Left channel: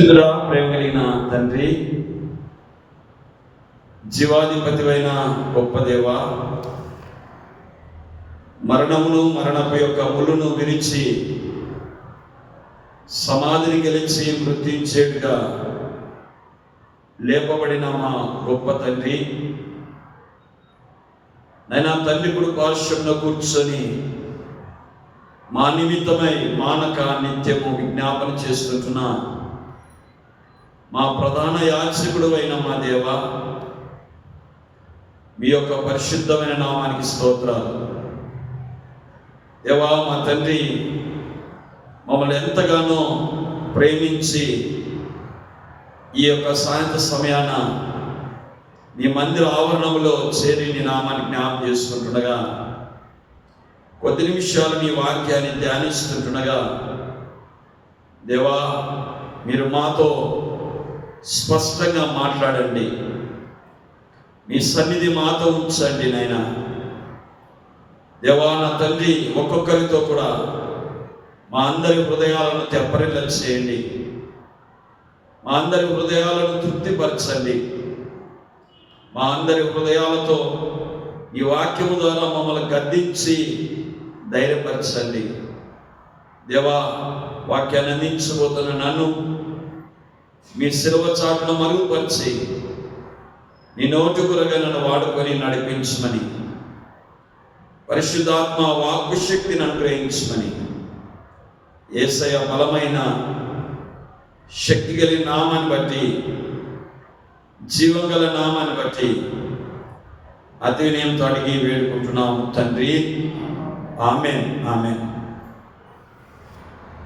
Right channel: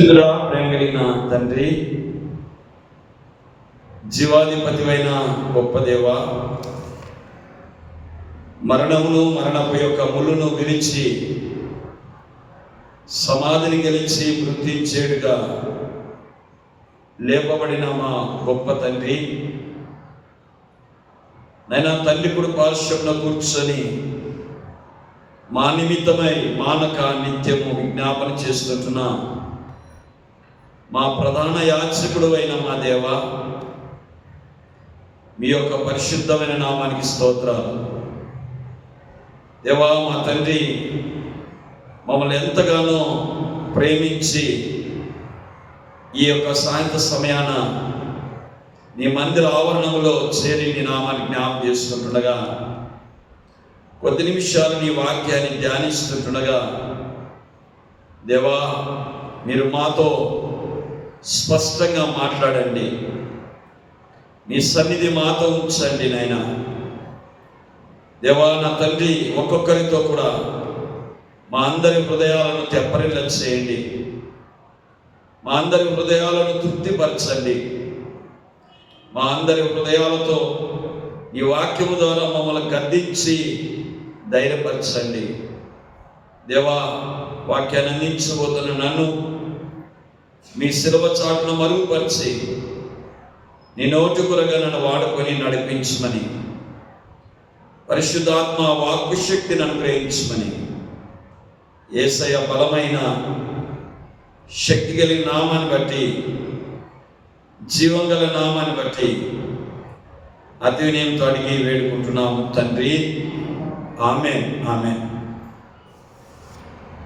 పరిశుద్ధుడా, ప్రేమ కలిగిన తండ్రి, జీవాధిపతివైన గొప్ప దేవ, మరణమును మరణపు యొక్క ముళ్ళును విరిచి సమాధిని గెలిచి మృత్యుంచేడుగా లేపబడిన మా గొప్ప తండ్రి, నైనా తండ్రి కుడి పార్శ్వమున కూర్చొని మా నిమిత్తమై మానక నిత్యము విజ్ఞాపన చేస్తుంటున్నా మా ప్రధాన యాజకుడు అయిన మా దేవ, మీ యొక్క పరిశుద్ధమైన నామానికి స్తోత్రాలు. దేవా, మా తండ్రి మమ్మల్ని ఎంతగానో ప్రేమించి ఈ యొక్క సాయంత్ర సమయాన నీ మందిర ఆవరణంలో చేరి నీ నామాన్ని జ్ఞాపకం చేసుకుంటుండగా, కొద్ది నిమిషాలు నీ వాక్యాన్ని ధ్యానిస్తుంటుండగా, దేవా మీరు మాతో స్పష్టంగా మాట్లాడండి. నీ సన్నిధి మాతో ఉంచండి నాయనా. దేవా నా తండ్రి, ఒక్కొక్కరితో కూడా మా అందరి హృదయాలను తెప్పరిల్ల చేయండి. మా అందరి హృదయాలను తృప్తిపరచండి. మా అందరి హృదయాలతో ఈ వాక్యము ద్వారా మమ్మల్ని గద్దించి ధైర్యపరచండి. దేవా, వాక్యాన్ని అందించబోతున్న నన్ను మీ శిలువ చాటును మరుగుపరిచి నీ నోటుకురగా నన్ను వాడుకొని నడిపించమని, పరిశుద్ధాత్మ వాక్కు శక్తిని అనుగ్రహించమని, యేసయ్య బలమైన శక్తి కలిగిన నామాన్ని బట్టి, జీవం గల నామాన్ని బట్టి అతి వినయంతో అడిగి వేడుకుంటున్నాము తండ్రి. ఆమేన్, ఆమేన్.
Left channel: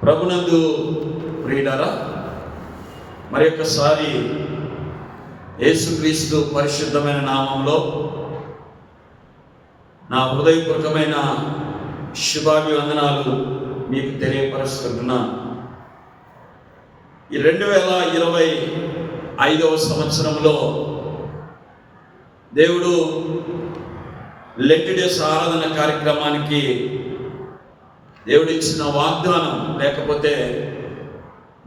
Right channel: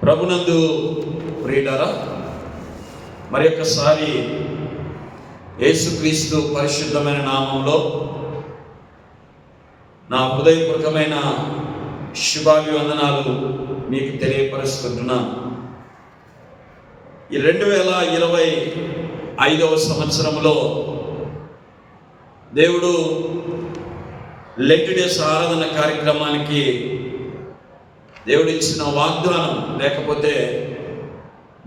ప్రభునందు ప్రియులారా, మరి ఒక్కసారి యేసుక్రీస్తు పరిశుద్ధమైన నామంలో నా హృదయపూర్వకమైన శుభాభివందనాలు మీకు తెలియపరుస్తున్నాను. ఈ 2025వ సంవత్సరంలో దేవుడు లెంట్ డేస్ ఆరాధన కార్యక్రమానికి దేవుడిచ్చిన వాగ్దానం, లేకపోతే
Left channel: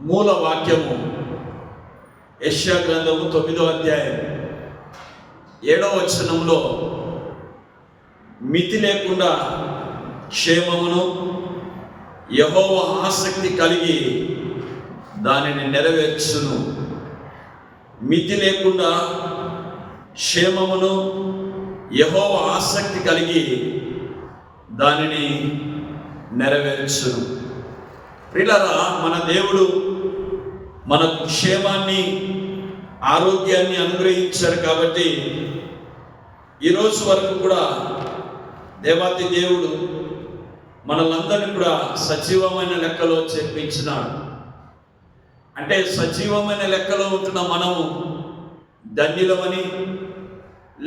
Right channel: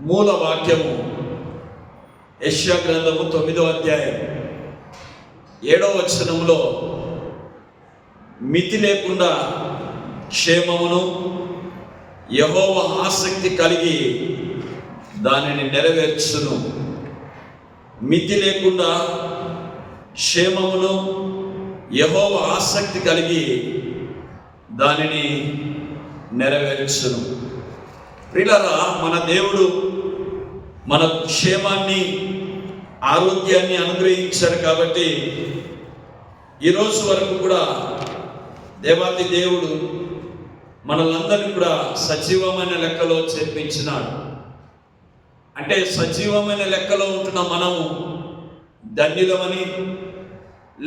మూల వాక్యము యెషయా గ్రంథము 9వ అధ్యాయం 7వ వచనంలో, మితి లేకుండా క్షేమమును యెహోవా ఆసక్తి కలిగి దానిని నెరవేర్చును. మితి లేకుండా క్షేమమును యెహోవా ఆసక్తి కలిగి దానిని నెరవేర్చును. ప్రియులారా, మన దేవుడు మన క్షేమాన్ని, ఆరోగ్యాన్ని అనుగ్రహించారు కాబట్టి ఈరోజు వరకు కూడా దేవాతి దేవుడు మనలందరినీ కూడా సజీవమైన లెక్కలో చేర్పించినాడు. అంటే సజీవమైన లెక్కలో ఉంటున్న మనము ధన్యులమని,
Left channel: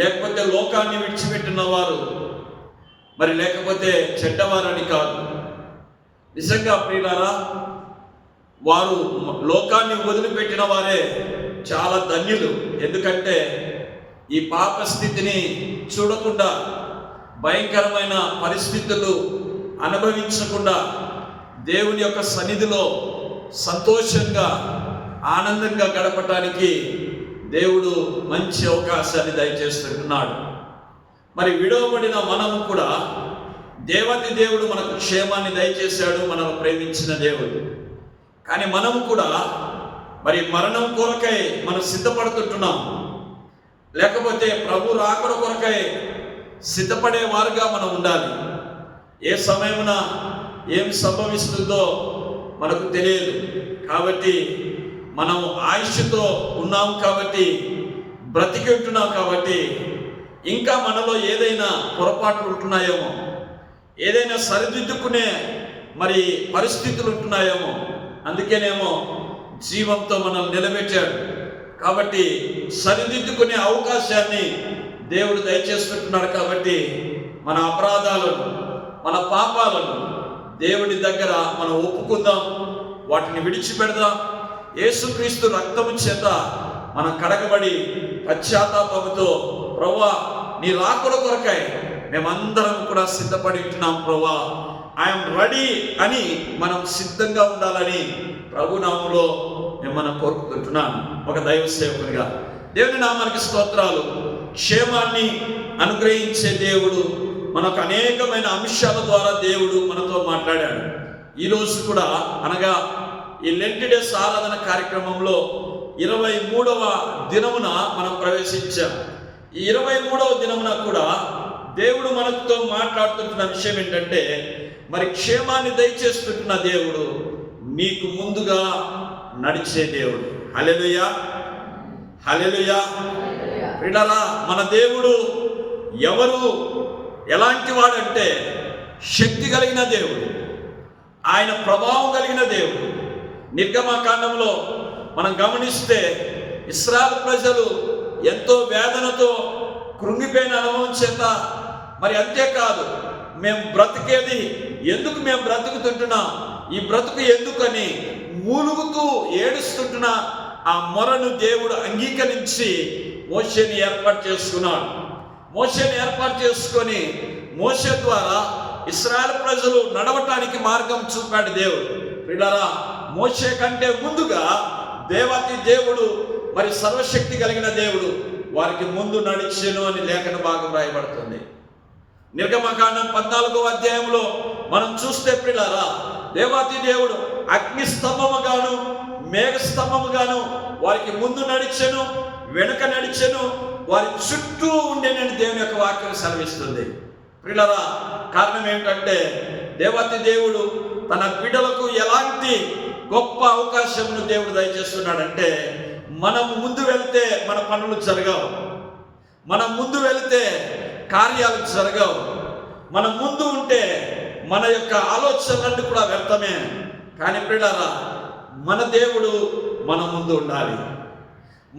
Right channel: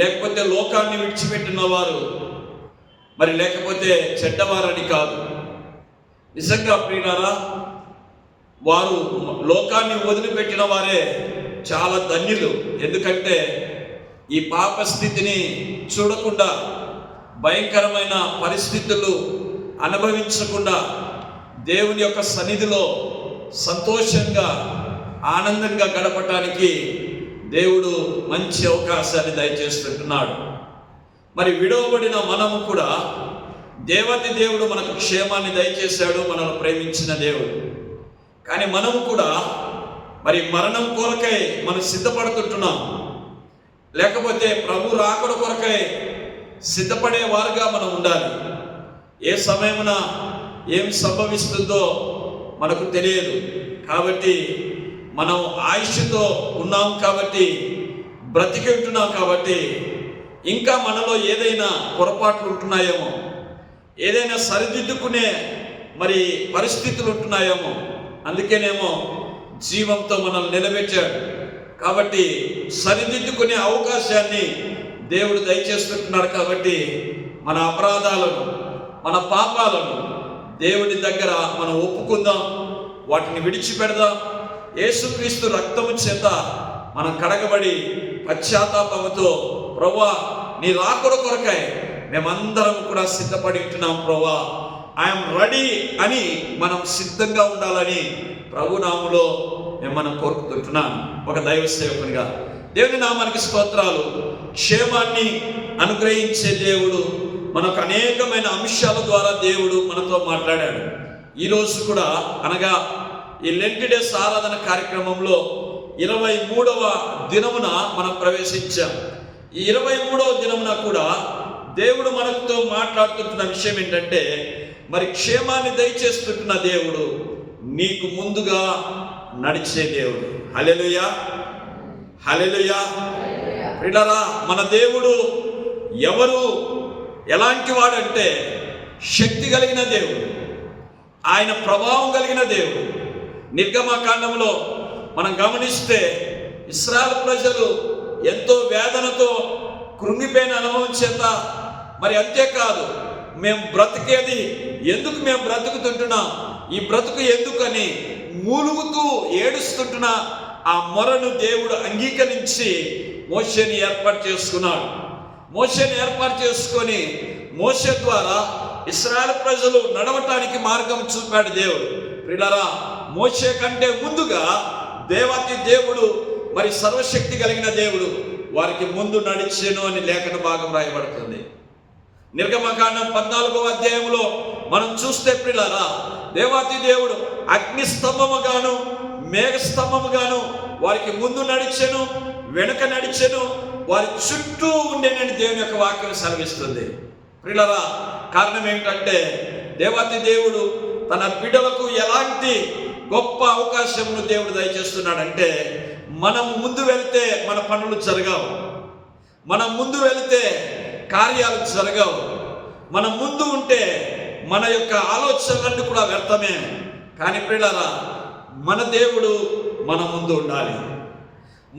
లేకపోతే లోకాన్ని విడిచిపెట్టిన వారు మరి లేకపోతే చెడ్డవారని కాదు. నిజంగా ప్రియులారా, వారు లోకాన్ని వదిలిపెట్టిన వారే చాలా ధన్యులు. ఎందుకంటే ఈ పాప స్థితిని చూడకుండా, భయంకరమైన పరిస్థితులు అనుభవించకుండా దేవుని యొక్క సన్నిధిలో సంతోషంగా, ఆనందంగా గడపటానికి దేవుడు మంచి అవకాశాన్ని దయచేస్తుంటున్నాడు. మరి విడవబడిన మనము కూడా దేవతి దేవుడు మనకు క్షేమాన్ని దయచేశాడు, మనల్ని ప్రేమించిన దేవుడు. కానీ మనము కూడా మరి మరణం కొరకై మనం సిద్ధపడుతుంటున్నాం, లేకపోతే ప్రభు రాకడ కొరకై సిద్ధపడే వారుగా మనం ఉండాలి. ఏ సమయమున ఏమి సంభవిస్తుందో మనకు తెలియదు. కాబట్టి మనం ఆయుష్తో ఉన్నాం కాబట్టి, బ్రతికి ఉంటున్నాం కాబట్టి, ఇంకా మనలో ఏదైనా పొరపాట్లు ఉంటున్నాయేమో, ఏదైనా సరిదిద్దుకునే మరి పరిస్థితులు ఉంటున్నాయేమో, అందుకేనేమో జీవంతో మనల్ని నిలబెట్టాడు. కాబట్టి సరిదిద్దుకునే అవకాశాన్ని దేవుడు దయచేస్తుంటున్నాడు. కాబట్టి మన అపరాధాలను, మన పాపాలను దేవుడి దగ్గర మనం ఒప్పుకుందాం, వాటిని విడిచిపెడదాం. యేసుక్రీస్తు రక్తము చేత మనం కడగబడి పశ్చాత్తాపముతో, ప్రభువా నీ రాకడ కొరకై మేమందరం కూడా సిద్ధపడి ఉంటున్నాం ప్రభువా, ఐఎమ్ రెడీ అని మనం సిద్ధంగా ఉండాలని ప్రభునామములో నేను మనం కోరుకుంటున్నాను. ఒక దైవ సేవకునిగా దేవుని నామానికి స్తోత్రాలు. క్షేమాన్ని అనుగ్రహించే దేవుడు మనకు అనేకమైన అంశాల ద్వారా దేవుడు మనతో మాట్లాడాడు. ఈరోజు కూడా అనగా ఈ లెంట్ డేస్ ఆరాధన కార్యక్రమంలో 23వ దినమున మనం ప్రవేశించాం. ఈ 23వ దినమున కూడా దేవుడు మనతో మాట్లాడుతున్న విషయం ఏంటంటే, మరి క్షేమాన్ని దయచేస్తున్న దేవుడు, నీకు ముందుగా నడిచే దేవుడు. హల్లెలూయా, హల్లెలూయా. ప్రియులారా, మన దేవుడు ఎవరు, ఎలాంటి వాడంటే శక్తి కలిగిన దేవుడు, ఆయన ప్రభావం కలిగిన దేవుడు. నిర్గమకాండంలో మనం గమనిస్తే ఇశ్రాయేలు ప్రజలు ఎంతో వేదనతో కృంగిపోయిన అనుభవం చేత, మరి అంతేకాదు మేము బ్రతికేది ఎందుకు, మేము బ్రతుకుతుంటున్నాం, ఈ బ్రతుకు ఎందుకని మూలుగుతూ ఏడుస్తుంటున్న ఆ మొరను దేవుడు అంగీకరించి మోషేని ఏర్పాటు చేసుకున్నాడు. మోషేని ఏర్పాటు చేసుకొని మోషే ద్వారా ఇశ్రాయేలు ప్రజలు నడవటానికి మార్గం చూపాడు దేవుడు. ప్రియులారా, మోషే కంటే ముందుగా దేవాతి దేవుడు, మరి సర్వశక్తి కలిగిన దేవుడు వారికి ముందు నడిచెను అని లేఖన భాగం రాయబడుతుంది. నిర్గమకాండం 14వ అధ్యాయంలో మనం చూస్తే ప్రియులారా, దేవాతి దేవుడు అగ్ని స్తంభముగాను మేఘ స్తంభముగాను వారికి ముందు నడిచెను, వెనుక నడిచెను, వారి చుట్టూ ఉండేనని దేవుని యొక్క వాక్యం సెలవిస్తుంది. ప్రియులారా, కారణం ఏమిటంటే దేవాతి దేవుడు తన బిడ్డలకు ఎలాంటి గొప్ప అవకాశమును దేవుడు దయచేస్తున్నాడంటే, మనం ముందు వెళితే మన పనులు జరగవు, మనం ముందు వెళితే కార్యాలు జరగవు, మనం ముందు ఉంటే మన యొక్క ఆలోచనలన్నీ కూడా వ్యర్థమే. కానీ ప్రియులారా, మన దేవుడు మన ముందు ఉండాలి.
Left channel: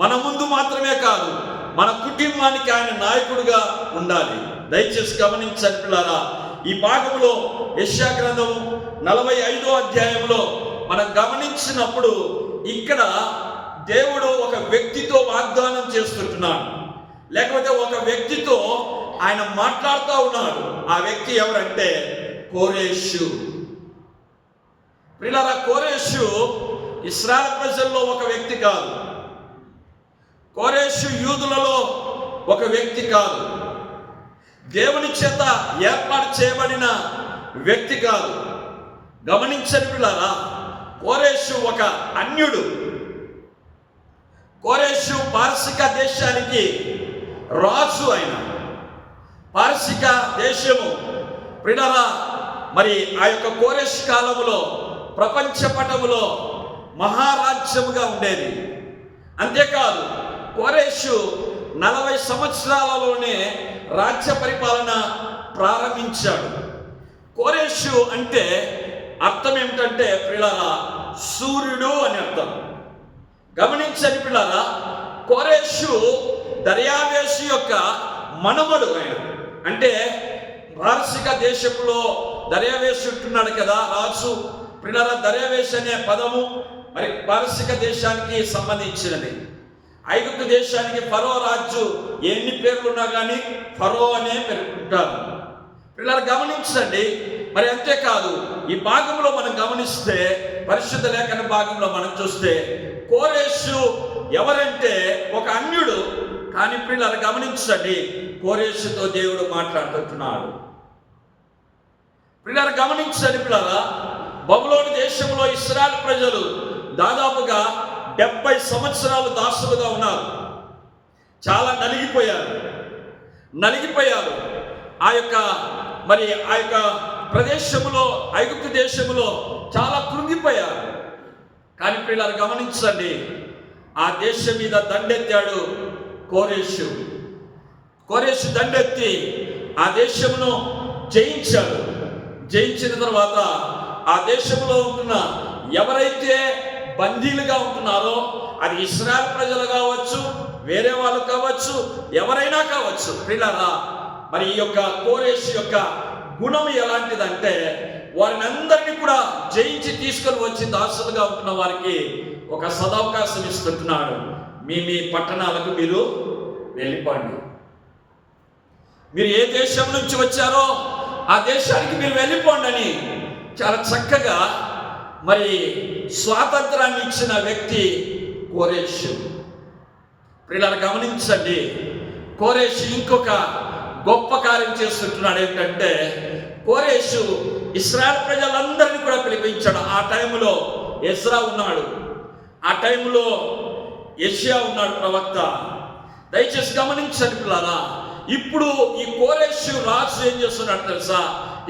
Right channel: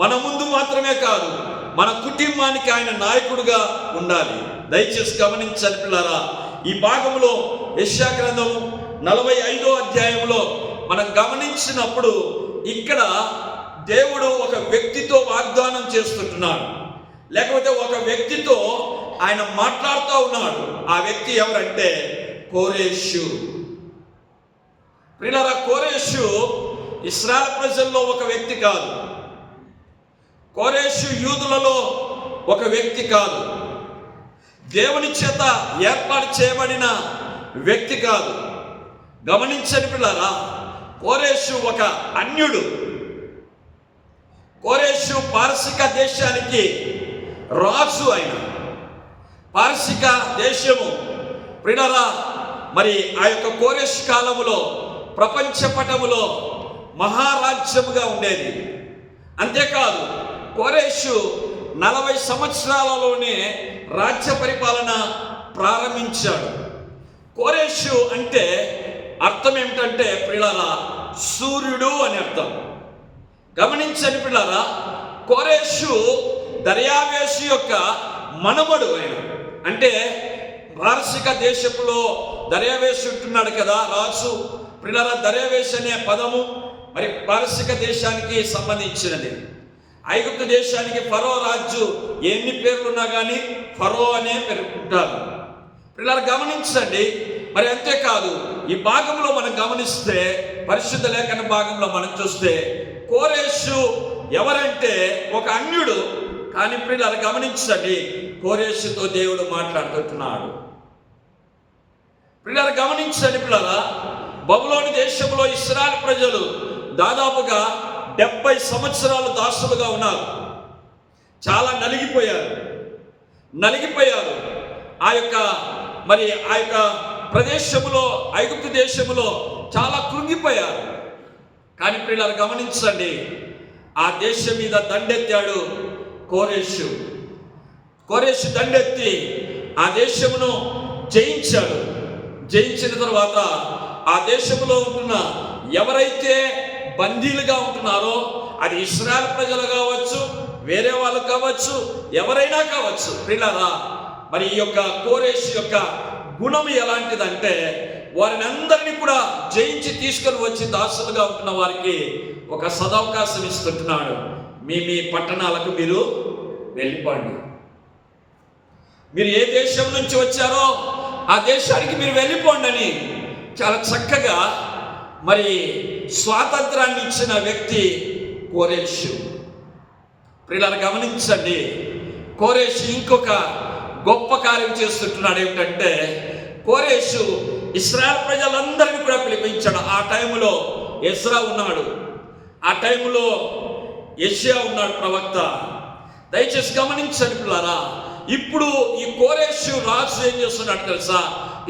మన ముందు మాత్రమే కాదు, మన కుటుంబానికి ఆయన నాయకుడిగా ఉండాలి. దయచేసి గమనించాలి ప్రియులారా, ఈ భాగంలో యెషయా గ్రంథము 45వ అధ్యాయంలో మనం గమనించినప్పుడు ఇక్కడ దేవుడు ఒక వ్యక్తితో వాగ్దానం చేస్తుంటున్నాడు, లేకపోతే ఒక వ్యక్తితో ఆయన మాట్లాడుతూ ఉన్నాడు. ఆ వ్యక్తి ఎవరంటే కోరేషు. ప్రియులారా, కోరేషు ఇశ్రాయేలు ప్రజల్లో ఒక వ్యక్తి కాదు, కోరేషు యూదులలో ఒక వ్యక్తి కాదు, దేవుని చేత ఏర్పాటు చేయబడిన వ్యక్తి కాదు. గమనించండి ప్రియులారా, కోరేషు ఒక అన్యుడు. కోరేషు పారసిక దేశానికి రాజు. ఆయన పారసిక దేశము ప్రియులారా, మరి ఆ యొక్క కోరేషు కాలములో ప్రపంచ పటములో మహారాజ్యముగా ఉండేది. అంతేకాదు, కోరేషు 40 సంవత్సరాలలోనే రాజ్య పరిపాలన ప్రారంభించాడు. కోరేషు అంటే అర్థం ఏమిటంటే ప్రియులారా, సూర్యుడు అని అర్థం. గమనించండి ప్రియులారా, కోరేషు దర్యావేషు యొక్క మనమడు. ఆయన అంటే పారసిక దేశంలో దర్యావేషు ఉంటున్నాడు కదా రాజు. ప్రియులారా, దర్యావేషు అనే పదము మరి పారసిక దేశానికి సంబంధించినది. ఐగుప్తు దేశానికి ఫరో రాజు ఎన్ని పేర్లున్నా కానీ ఫరో అనే పేర్కొంటారు. ప్రియులారా, గమనించండి. మరి అంతేకాదు, ఈ భాగంలో మనం గమనిస్తే పరిశుద్ధ లేఖన భాగంలో మనం చూస్తే కోరేషు ఎవరంటే ఒక అన్యుడు. కానీ ప్రియులారా, గమనించండి, కోరేషుతో దేవుడు మాట్లాడుతున్నాడు. ప్రియులారా, గమనించండి ప్రియులారా, బబులోను దేశంలో ఇశ్రాయేలు ప్రజలు దాదాపుగా 70 సంవత్సరాలు దాసులుగా ఉన్నారు. చాలా నలిగిపోయారు. ఆ యొక్క ప్రదేశంలో, ఐగుప్తు దేశంలో చాలా కృంగిపోయారు. కానీ ప్రియులారా, గమనించండి, ఆ దేశం మీద దండెత్తాడు కోరేషు. దండెత్తి ఆ దేశమును జయించాడు. జయించిన తర్వాత ఆ దేశంలో ఉంటున్న ఎవరైతే బందీలుగా ఉంటున్నారో, అది ఇశ్రాయేలు ప్రజలు కావచ్చు, వేరే వాళ్ళు కావచ్చు, ఎవరైనా కావచ్చు. ప్రియులారా, మరి ఈ యొక్క కోరేషు యొక్క గుణం ఎలాంటిదంటే, వారిని అందరినీ కూడా జయించి తీసుకొని వచ్చి దాసులుగా ఉంటున్న వారికి ఒక సదవకాశం ఇస్తుంటున్నాడు. మీ పట్టణాలకు మీరు వెళ్ళిపోండి. మీరు ఏ దేశం నుంచి వచ్చారో ఆ దేశానికి మీరు వెళ్ళిపోండి అని చాలా చక్కగా మరి స్వాతంత్రాన్ని ఇచ్చిన వ్యక్తి కోరేషు. ప్రియులారా గమనించండి, కోరేషు ఇంకొక గొప్ప కార్యం చేస్తుంటున్నాడు. ఏమిటంటే కోరేషు ఇశ్రాయేల్ ప్రజలందరినీ కూడా పిలిపించాడు. ఆ టైంలో ఎజ్రా ఉన్నాడు, ఆ టైంలో యెషయా ఉన్నాడు ప్రవక్త. దయచేసి గమనించండి పిల్లారా, ఇప్పుడు ఈ కోరేషు రాజు ఏం చేస్తున్నాడు తెలుసా?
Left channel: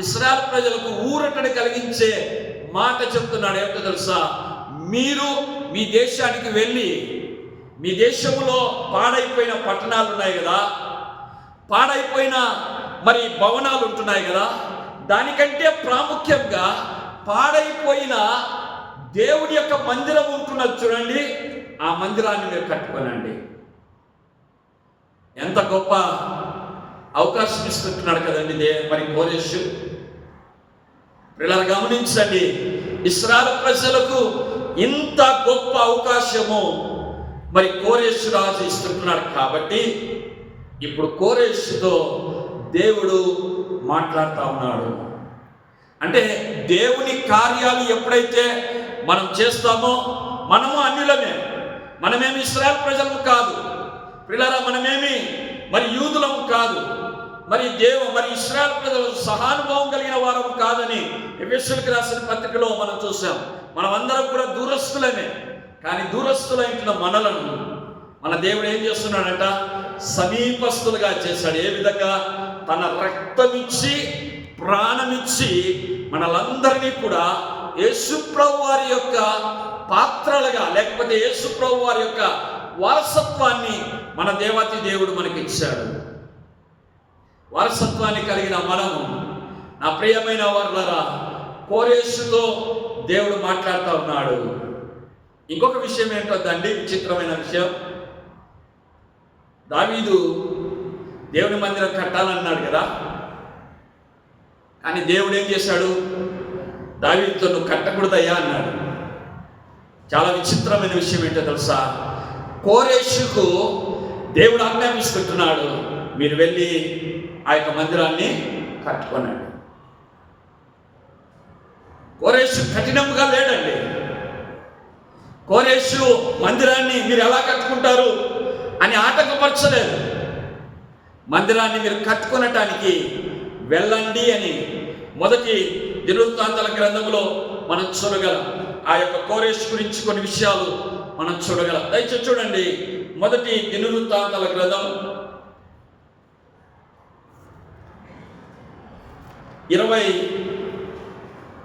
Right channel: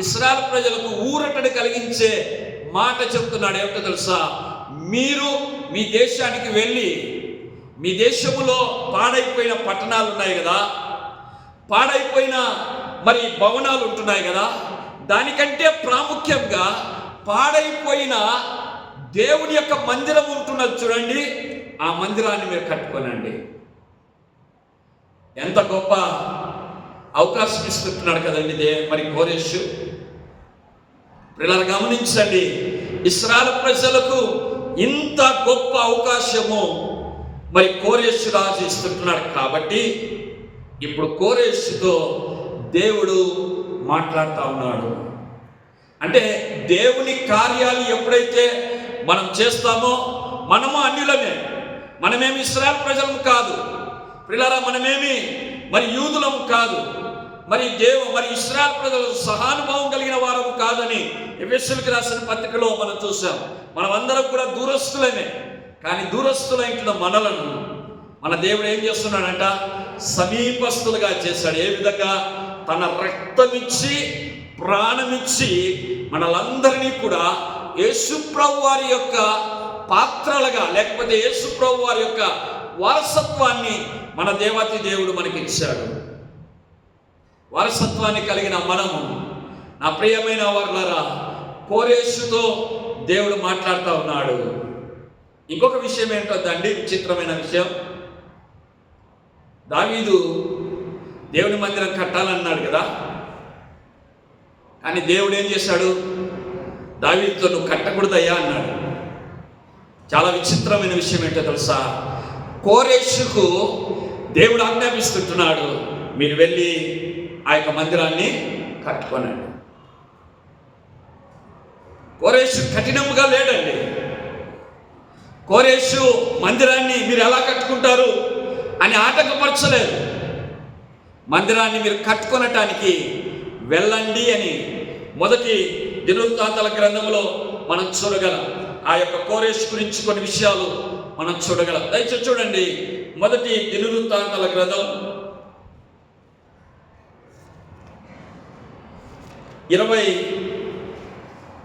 ఇశ్రాయేల్ ప్రజలకు ఊరటని కలిగించే మాట చెప్తున్నాడు. ఏమిటో తెలుసా? మీరు మీ దేశానికి వెళ్ళి, మీ దేశంలో పాడైపోయిన పట్టణాలు ఉన్నాయి కదా, పాడైపోయిన మరి భవనాలు ఉంటున్నాయి కదా, దానికంటే ప్రాముఖ్యంగా పాడైపోయిన దేవుడి యొక్క మందిరం ఉంటున్నది చూడండి, ఆ మందిరాన్ని మీరు కట్టుకోనండి. ఎంత గొప్ప అవకాశం ఇస్తుంటున్నాడు కదండి మరి కోరేషు. పిల్లలు గమనించండి, ఇశ్రాయేలు ప్రజలకు ఇంత గొప్ప అవకాశము మరి కోరేషు రాజు ఇస్తుంటున్నాడు. కాబట్టి ఇప్పుడు కోరేషుతో దేవుడు మాట్లాడుతూ ఉన్నాడు. అంటే దేవుని కార్యాలు ఎప్పుడైతే మనం చేస్తామో, మనము అన్యులమే, మనమేమి ఇశ్రాయేలు ప్రజలము కాదు పిల్లరా, మనమేమి మరి యూదులము కాదు, మరి ఇశ్రాయేలు ప్రజలు సహానుభావం కలిగిన వారము కాదని ఎఫెసీయులకు రాసిన పత్రికలో మనం చూసాం. మనమందరం కూడా దూరస్తులమే. కానీ దూరస్తులైన మనలను మన దేవుడు ఏం చేస్తున్నాడంట? సమీపస్తులుగా చేశాడు. ఏ విధంగా? తన రక్తమిచ్చి ప్రాణమిచ్చి మనలందరినీ కూడా యేసుప్రభు వారి యొక్క పాత్రలుగా, లేకపోతే యేసుప్రభు వారి యొక్క వారసత్వాన్ని మన దేవాతి దేవుడు మనకి ఇచ్చాడు. వారసత్వాన్ని కలిగిన మనము, నా ప్రియమైన వారులారా, కోరేషుతో దేవుడు మాట్లాడుతూ ఉన్నాడు. ఇంకొక విషయం ఏంటండి, విచిత్రమైన విషయం. దావీదు దేవుని మందిరం కట్టాలన్నాడు కదా, కానీ దేవుడు ఏం చేశాడు? దావీదుతో నువ్వు కట్టకూడదయ్యా అన్నాడు. చాలా విచిత్రమైన విషయం ఏంటో తెలుసా? కోరేషుకు దేవుడు ఆజ్ఞాపిస్తున్నాడు, మీరు వెళ్ళి ఆ యొక్క మందిరాన్ని కట్టుకోనండి. కోరేషు కఠినంగా లేడండి. కోరేషు మందిరాన్ని మీరు ఎలా కట్టుకుంటారు అని ఆటంకపరచలేదు. మందిరాన్ని మీరు కట్టుకొనటానికి వెళ్ళండి అని మొదటి దినవృత్తాంతాల గ్రంథంలో మనం చూడగలం. ఆ యొక్క కోరేషు గురించి కొన్ని విషయాలు మనం చూడగలం. దయచేసి చూడండి, మొదటి దినవృత్తాంతాల గ్రంథం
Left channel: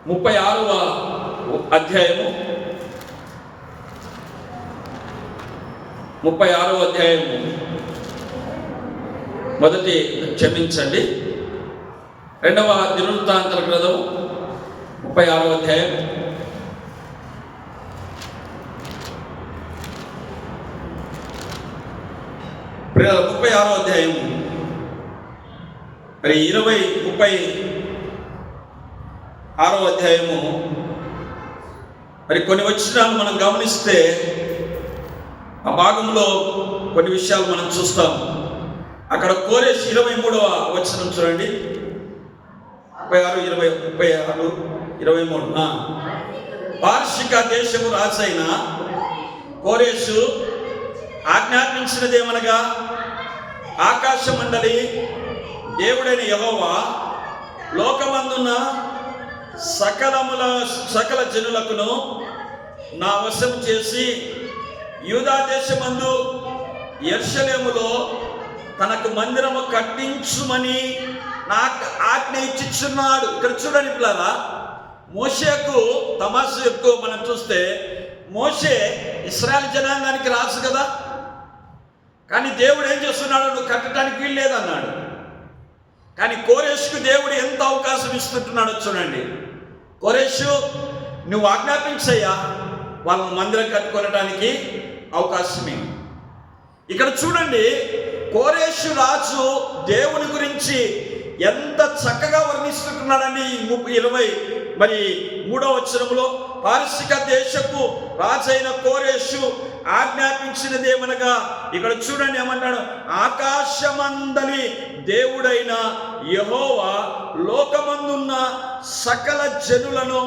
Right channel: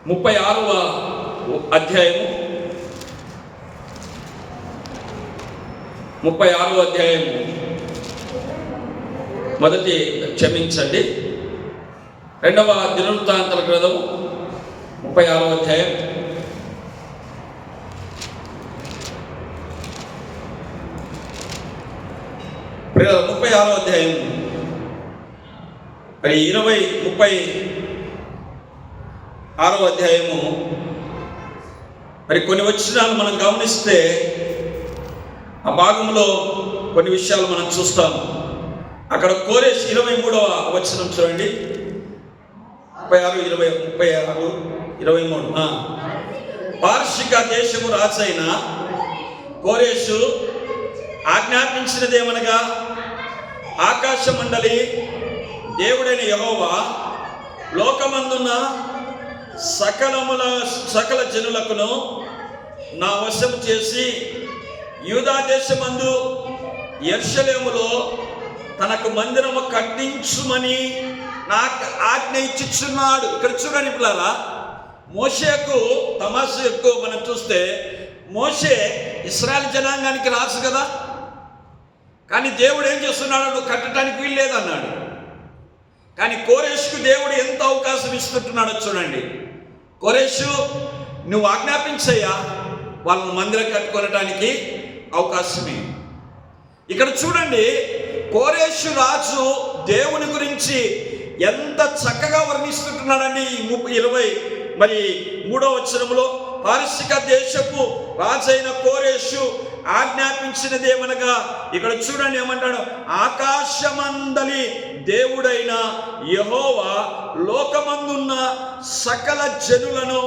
36వ అధ్యాయము 36వ అధ్యాయము క్షమించండి, 2వ దినవృత్తాంతాల గ్రంథం 36వ అధ్యాయం 36వ అధ్యాయం మరి 36వ అధ్యాయము మరి కొన్ని వచనాలు మనం గమనిస్తే ఆ భాగంలో కొన్ని విషయాలు మనం చూస్తాము. అక్కడ కోరేషు 23వ వచనం చూడండి, 23 పారసీక దేశము రాజైన కోరేషు ఆజ్ఞాపించినదేమనగా, ఆకాశ మండలి దేవుడైన యెహోవా లోకమందున్న సకల జనులకును నా వశము చేసి యూదా దేశమందు యెరూషలేములో తనకు మందిరము కట్టించుమని నాకు ఆజ్ఞ ఇచ్చిచున్నాడు. ఇక్కడ చూడండి పిల్లరా, మోషేకు తమాషా ఎక్కువ మనం చూస్తే, మోషే ఇశ్రాయేల్ జనాంగానికి రాజు కదా, కానీ దేవుడు ఏం చేస్తున్నాడు? నువ్వు కట్టడానికి వీలు లేదన్నాడు. కానీ కోరేషుకు దేవుడు ఎంత అవకాశం ఇస్తుంటున్నాడో చూడండి. కోరేషు, నువ్వు ఆజ్ఞాపించయ్యా, వాళ్ళని మందిరం కట్టుకోవడానికి అవకాశమే. ఇక్కడ చూడండి, కోరేషు రాజు దేవుని గురించి ఎంత చక్కగా వర్ణిస్తుంటున్నాడండి. 23వ వచనంలో పారసీక దేశపు రాజైన కోరేషు ఆజ్ఞాపించినదేమనగా, ఇక్కడ చూడండి ఏమంటాడు? ఆకాశమందలి దేవుడైన యెహోవా లోకమందున్న సకల జనులను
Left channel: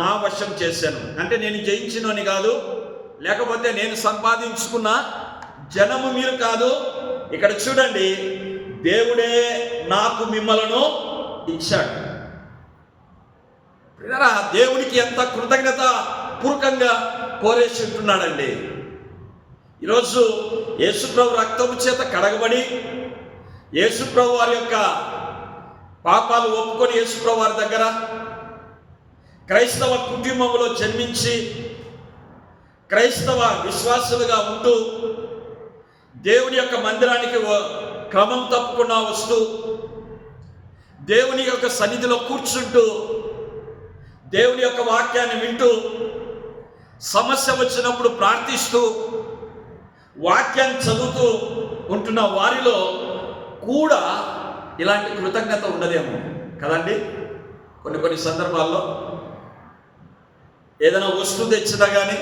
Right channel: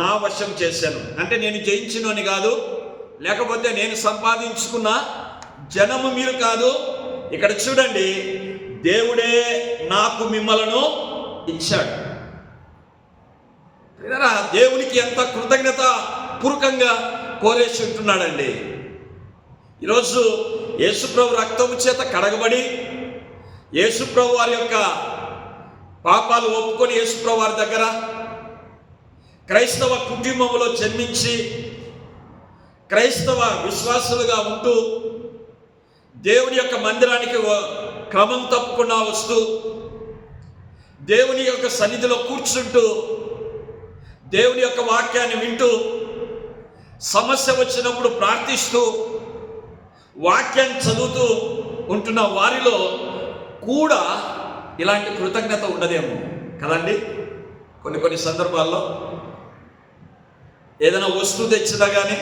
నా వశం చేశాను. అంటే నేను జయించినని కాదు, లేకపోతే నేను సంపాదించుకున్న జనము మీరు కాదు. ఇక్కడ చూడండి, దేవుడే నాకు మిమ్మలను ఇచ్చాడు. దేవునికి ఎంత కృతజ్ఞత పూర్వకంగా కోరేసి ఉంటున్నాడండి. ఈరోజు యేసుప్రభు రక్తము చేత కడగబడి, యేసుప్రభు వారి యొక్క పాపాలు ఒప్పుకొని యేసుప్రభు వారి దగ్గర క్రైస్తవ కుటుంబంలో జన్మించి క్రైస్తవ విశ్వాసులుగా ఉంటూ దేవుని యొక్క మందిరానికి క్రమం తప్పకుండా వస్తూ దేవుని యొక్క సన్నిధిలో కూర్చుంటూ దేవుని యొక్క వాక్యాన్ని వింటూ సమస్య వచ్చినప్పుడు ప్రార్థిస్తూ వాక్యాన్ని చదువుతూ ఉంటున్న వారిలో కూడా ఇలాంటి కృతజ్ఞత ఉండదేమో కదండి. కొన్ని సందర్భాల్లో ఏదైనా వస్తువు తెచ్చినా కానీ,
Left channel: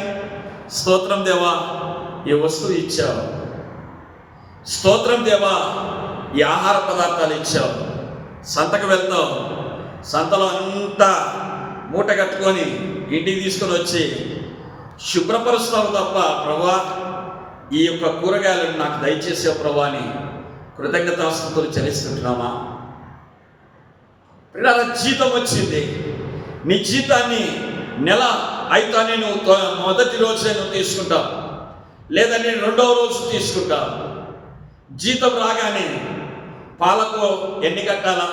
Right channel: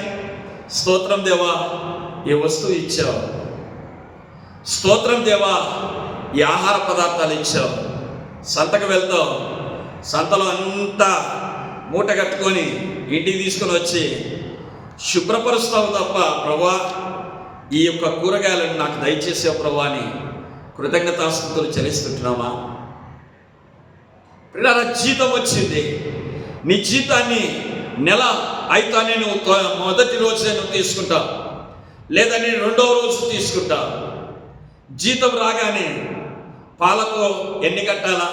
స్తోత్రం దేవా ఈ వస్తువు ఇచ్చావు, స్తోత్రం దేవా ఈ ఆహార పదార్థాలు ఇచ్చావు. సంతకు వెళ్తావు, సంతలో అంతా మూట కట్టుకొని ఇంటికి తీసుకొని వచ్చి శుభ్రపరుస్తావు తప్ప, ప్రభా ఈ యొక్క కూరగాయలను నాకు దయచేసే ప్రభా అని కృతజ్ఞతాస్తుతులు చెల్లిస్తుంటున్నామా? పిల్లల జీతం వచ్చింది, నీ జీతాన్ని నెల అయితానే నువ్వు మొదటి రోజే నువ్వు తీసుకుంటావు, లేదా నేను రెండవ రోజు తీసుకుంటావు. జీతం రాగానే పాలకు ఎన్ని కట్టాలా,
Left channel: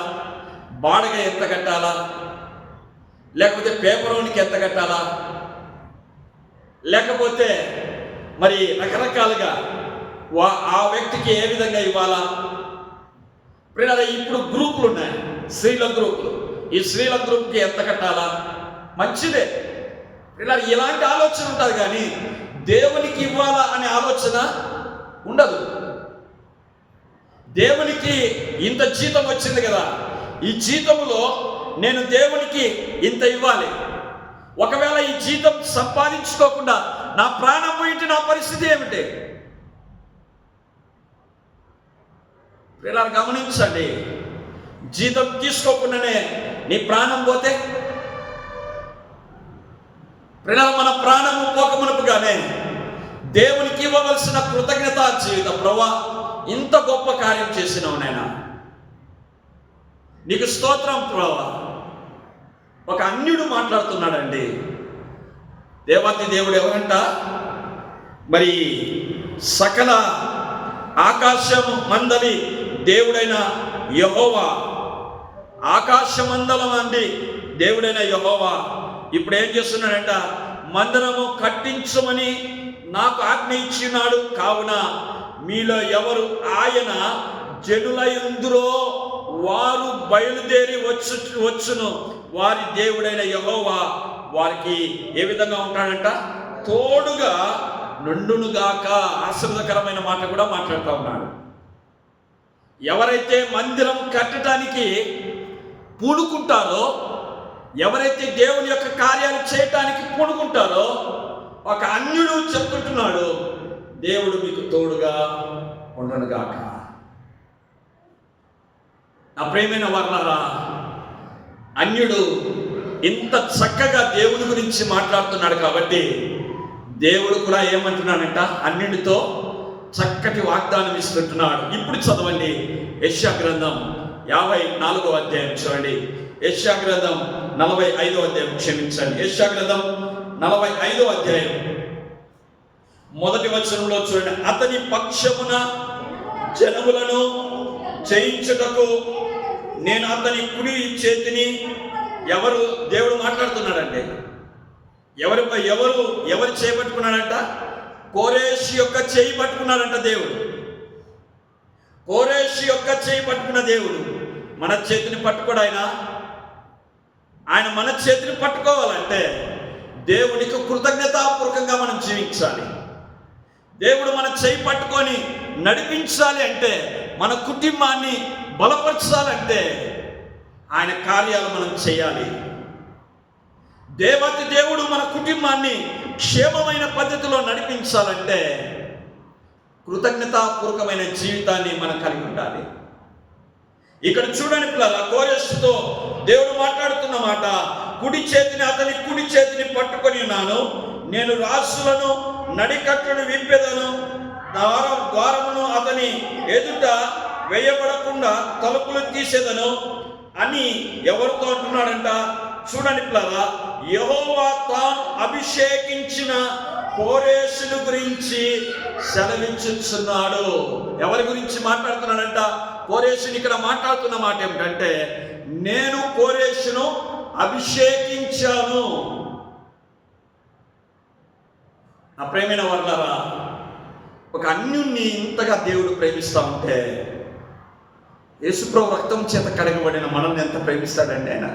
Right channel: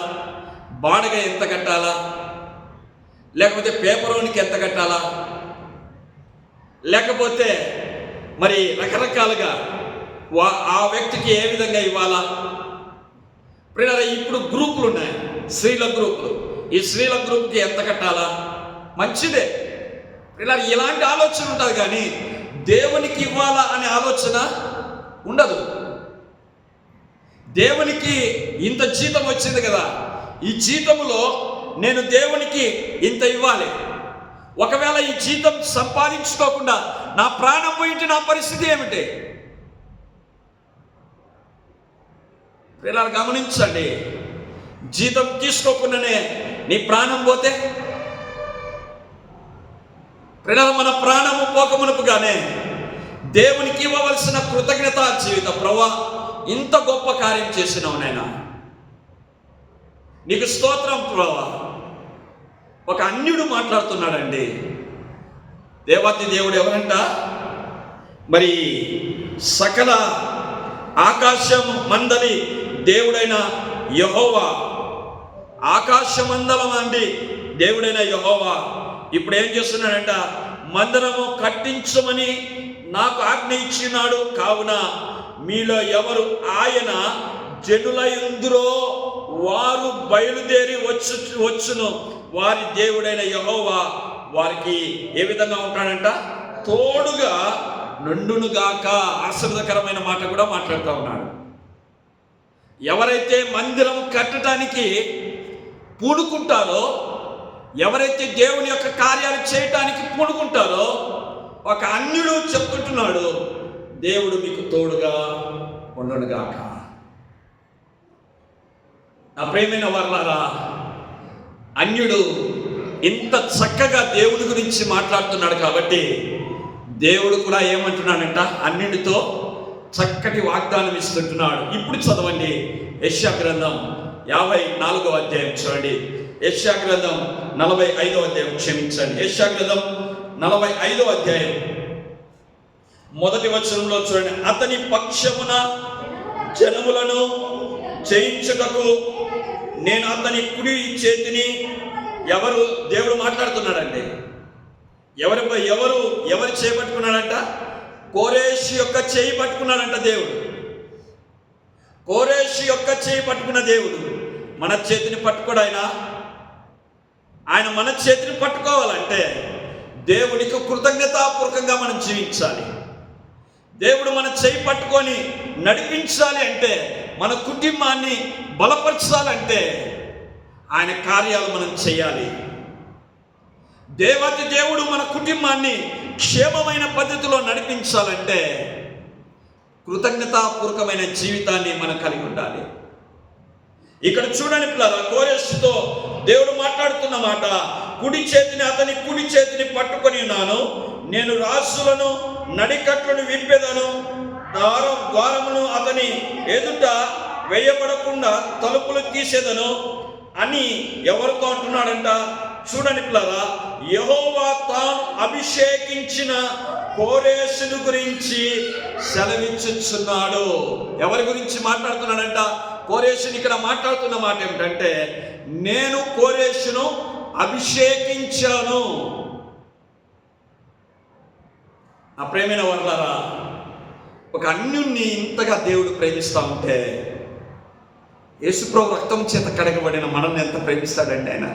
బాడగ ఎంత కట్టాలా, లేకపోతే పేపరోనికి ఎంత కట్టాలా, లేకపోతే మరి రకరకాలుగా ఆ వ్యక్తికి ఏ విధంగా ఇవ్వాలా. ఇప్పుడు గ్రూపులు ఉన్నాయి, స్త్రీల గ్రూపులు. ఈ స్త్రీల గ్రూప్కి ఎంత కట్టాలా, మంచిదే. ఇలాంటి ఆలోచన ఉంటుంది, కానీ దేవునికి ఇవ్వాలా అనే ఆలోచన ఉండదు. దేవునికి ఇంత జీతం వచ్చింది కదా, ఈ జీతంలో నేను దేవునికి ఇంత ఇవ్వాలి. ఒకవేళ ఈ జీతం సంపాదించుకోకుండా నా ప్రాణం పోయింటే నా పరిస్థితి ఏమిటి? పిల్లలు గమనించండి, జీతం తీసుకోకుండానే నీ ప్రాణం పోతే, పిల్లలు మన ప్రాణము పోకమునుపుగానే దేవునికి ఇవ్వవలసిన కృతజ్ఞత జీవితం. ప్రభా ఇంత గొప్ప కార్యం చేసినావు నాయనా, నీకు స్తోత్రం ప్రభా. ఒక అన్యుడు మాట్లాడుతున్నాడండి. దేవాతి దేవుడు ఎవరంట? మరి సకల ఆకాశం మందలి దేవుడైన యెహోవా, ఆకాశమందలం అండి దేవుడైన యెహోవా ఇప్పుడు ఏం చేస్తున్నాడంట? మందిరము కట్టించమని నాకు ఆజ్ఞ ఇచ్చినాడు. కావున మీలో ఎవరు ఆయన జనులయందురో వారు బయలుదేరి వచ్చును. వారి దేవుడైన యెహోవా వారికి ఏ విధంగా ఉంటాడంట? తోడుగా నుండునుగాక. ఆశీర్వదకరమైన మాట కూడా మాట్లాడుతూ ఉన్నాడు. ఎవరైతే మందిరం కట్టడానికి పూనుకుంటారో, ఎవరైతే దేవుని యొక్క కార్యాలు చేయటానికి పూనుకుంటారో, ఒక అన్యుడు చెప్తుంటున్నాడు, దేవుడు మీకు తోడుగా ఉండునుగాక. నా ప్రియమైన వర్లారా, అన్యుడు ఇంత చక్కగా దేవుడి గురించి మాట్లాడుతున్నాడు కాబట్టి దేవుడు కూడా ఏమంటున్నాడంట? అన్యుడితో చక్కటి వాగ్దానం ఇస్తుంటున్నాడు. ఇప్పుడు చదవండి, యెషయా గ్రంథం 54వ అధ్యాయం చూడండి. యెషయా గ్రంథం 45వ అధ్యాయం, క్షమించండి, యెషయా గ్రంథం 45వ అధ్యాయం మొదటి వచనంలో చూడండి. అతని పక్షమున జనములను జయించుటకు నేను అతని కుడి చేతిని, ఎవరు? దేవుడు మాట్లాడుతున్నాడండి. ఎవరు చేపట్టుకున్నాడంట? కోరేషు యొక్క చేయి పట్టుకున్నాడంట దేవుడు. కోరేషు యొక్క చేయి పట్టుకున్న దేవుడు మన చేతిని పట్టుకోడు. ఆయన మన చేతిని పట్టుకోవాలంటే దేవునికి కృతజ్ఞతాపూర్వకంగా మనం జీవించాలి. దేవుడు మన చేయి పట్టుకొని నడిపించాలి అంటే, మన కుటుంబాన్ని బలపరచాలంటే ఆయన కార్యాలు మనం చేయాలి. దేవాతి దేవుడు మన కుటుంబాన్ని క్షేమమైన పద్ధతిలో నడిపించాలంటే కృతజ్ఞతాపూర్వకమైన జీవితాన్ని మనం కలిగి ఉండాలి. ఇక్కడ చూడండి పిల్లరా, కోరేషుతో దేవుడు మాట్లాడుతున్న మాట, కుడి చేతిని అతని కుడి చేతిని పట్టుకొని ఉన్నాను. నేను రాసులను నడికట్లను విప్పెదను, ద్వారమును అతని ఎదుట వేయబడకుండా తలుపులు తీసేదను అని ఎవరితో అంటున్నాడంట? చూడండి పిల్లరా, యెహోవా తాను అభిషేకించిన కోరేషును గురించి సెలవించుచున్నాడు. ఎవరి గురించి మాట్లాడుతున్నాడంట? కోరేషుని ఇక్కడ మాట్లాడుతున్న మాట ఏమిటంటే, నేను కోరేషును అభిషేకించాను. నా ప్రేమైన వాళ్ళారా, ఒక అన్యుణ్ణి ఇంతగా దేవుడు ప్రేమిస్తూ ఉంటే, యేసుప్రభు రక్తం చేత కడగబడిన మనల్ని ఎంత ప్రేమిస్తాడండి ఆయన.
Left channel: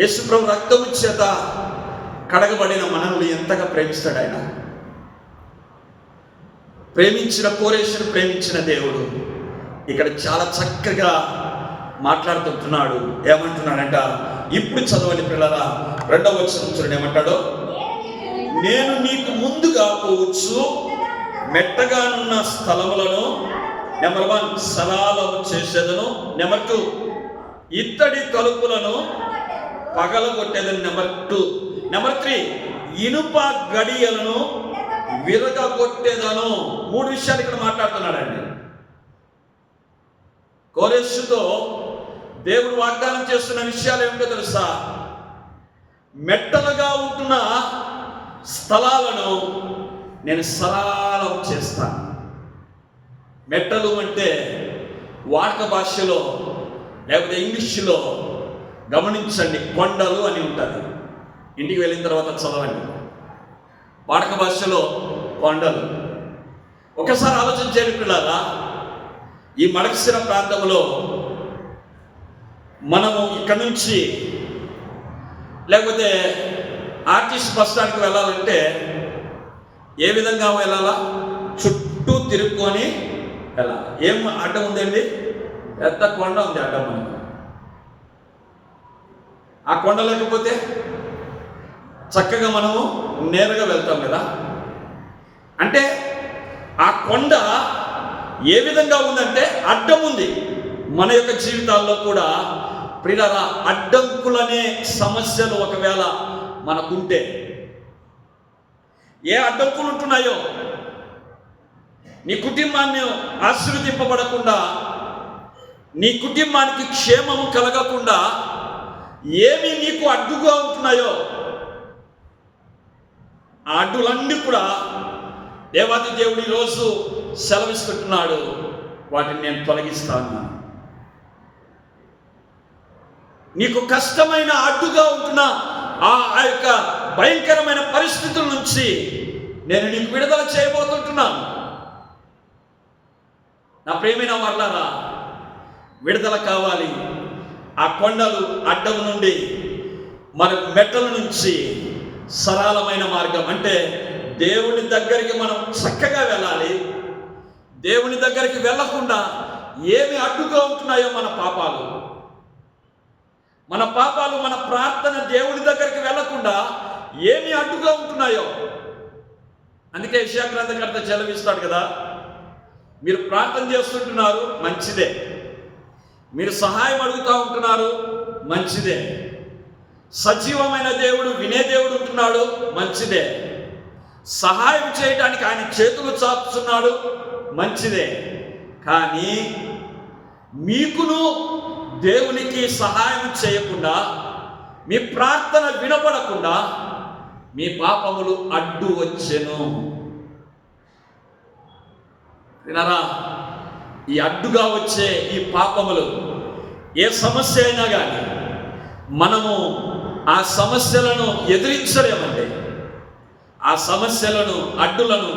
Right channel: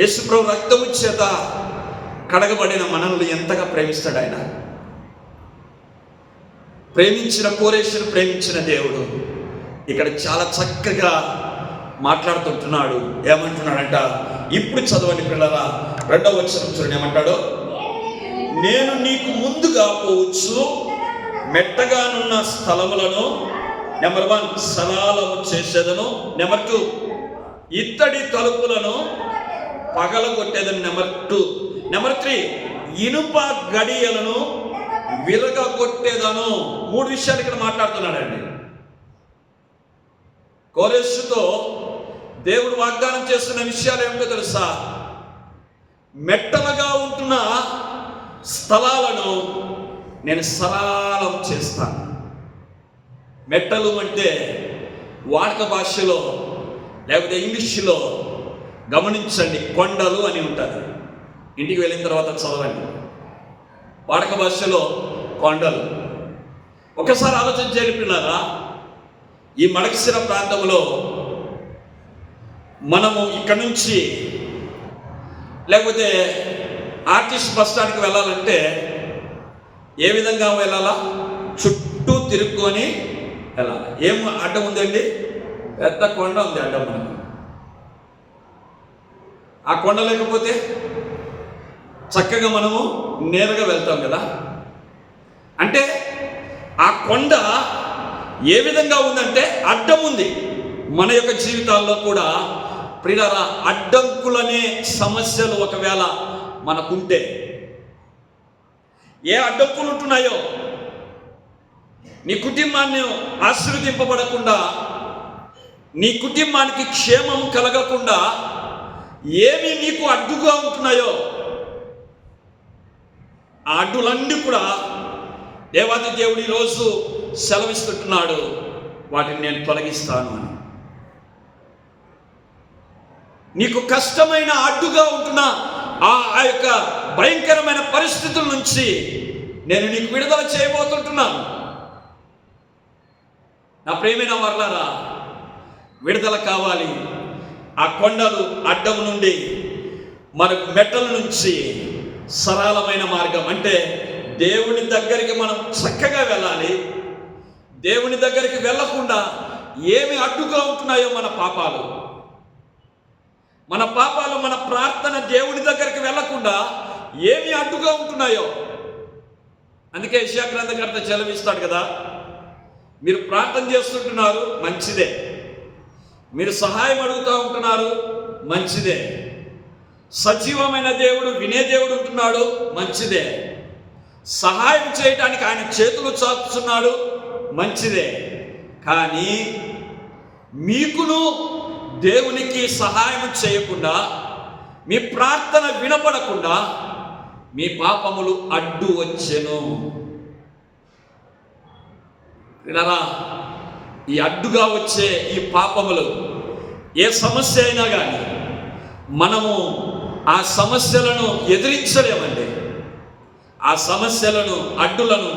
యేసుప్రభు రక్తము చేత కడగబడిన మనల్ని ఎంతగా ప్రేమిస్తాడు ఆయన. ప్రేమించిన కోరేషును ప్రేమించిన దేవుడు ఇక్కడ చాలా చక్కగా మాట్లాడుతుంటున్నాడు. ఏమంటున్నాడంట? ఇప్పుడు చదవండి పిల్లరా, 2వ వచనం చూడండి ఏమంటాడో. నేను నీకు ముందుగా పోవచ్చు, మెట్టగానున్న స్థలములను నెంబర్ 1 సలాలము చేసేదను, నెంబర్ 2 ఇత్తడి తలుపులను పగలగొట్టేదని, నెంబర్ 2 నెంబర్ 3 ఇనుప గడియలను విరగొట్టేదను. 3 విషయాలు ఇక్కడ మాట్లాడుతున్నాడండి. కోరేషుతో దేవుడు వాగ్దానం చేస్తున్న విషయాలు ఏమిటో తెలుసా? మెట్టలుగా ఉంటున్న స్థలాలను నేను సరళం చేస్తాను. మెట్టలు అంటే వాడుక భాషలో లేకపోతే ఇంగ్లీష్లో గమనించండి, కొండలు అని ఉంటుంది. ఇంటికి వెళ్ళిన తర్వాత చదవండి. వాడుక భాషలో కొండలు. ఒకసారి ఆలోచించండి పిల్లరా, ఈ మడకశిర ప్రాంతంలో మనము ఇక్కడ నుంచి లేకపోతే ఆర్టీసీ బస్ స్టాండ్కి వెళ్ళాలంటే ఏ విధంగా వెళ్ళాలా? చుట్టూ తిరుక్కొని వెళ్ళాలి. ఏం అడ్డం ఉందండి? పెద్ద కొండ ఉంది అడ్డం. మనకు ఆ కొండ లేకపోతే చక్కగా మనము నేరుగా వెళ్తాం కదా. అంటే ఆ కొండ ఏ విధంగా ఉందంటే అడ్డం ఉంది. మన యొక్క జీవితాల్లో కూడా ప్రియులారా, అడ్డంకులనే సమస్యలు ఒకవేళ మనకుంటే, ఏ అడ్డంకులు ఉంటున్నాయో నీ కుటుంబాన్ని ఆశీర్వదింపబడకుండా, నీ కుటుంబానికి క్షేమం కలగకుండా ఏమి నీకు అడ్డుగా ఉంటున్నాయో, ఆ అడ్డులన్నీ కూడా దేవాది దేవుడు ఈరోజు సెలవిస్తున్నాడు, వాటిని నేను తొలగిస్తాను. నీకు కష్టమైన అడ్డుగా ఉంటున్న ఆ యొక్క భయంకరమైన పరిస్థితుల నుంచి నేను నీకు విడుదల చేయబోతుంటున్నాను. నా ప్రియమైన వారలారా, విడుదల కావాలి. ఆ కొండలు అడ్డం నుండి మనకు మెట్టల నుంచి సరళమైన మార్గం అంటే దేవుని దగ్గరికి మనం చక్కగా వెళ్ళాలి. దేవుని దగ్గరికి వెళ్ళకుండా ఏమి అడ్డుగా ఉంటున్నాయో మన పాపాలు, మన ప్రార్థన దేవుని దగ్గరికి వెళ్ళకుండా ఏమి అడ్డుగా ఉంటున్నాయో. అందుకే యెషయా గ్రంథకర్త చెలవిస్తాడు కదా, మీరు ప్రార్థన చేస్తుంటున్నారు, మంచిదే. మీరు సహాయం అడుగుతూ ఉంటున్నారు, మంచిదే. సజీవమైన దేవుడు, వినే దేవుడు ఉంటున్నాడు, మంచిదే. సహాయం చేయడానికి ఆయన చేతులు చాపుతున్నాడు, మంచిదే. కానీ మీకును దేవునికి సహాయం చేయకుండా, మీ ప్రార్థన వినపడకుండా మీ పాపములు అడ్డు వచ్చెను. వినరా, ఈ అడ్డుగా వచ్చే ఈ పాపములు ఏ సమస్య అయినా కానీ మనము ఆ సమస్యలను ఎదిరించలేమండి. ఆ సమస్యలను, అడ్డులను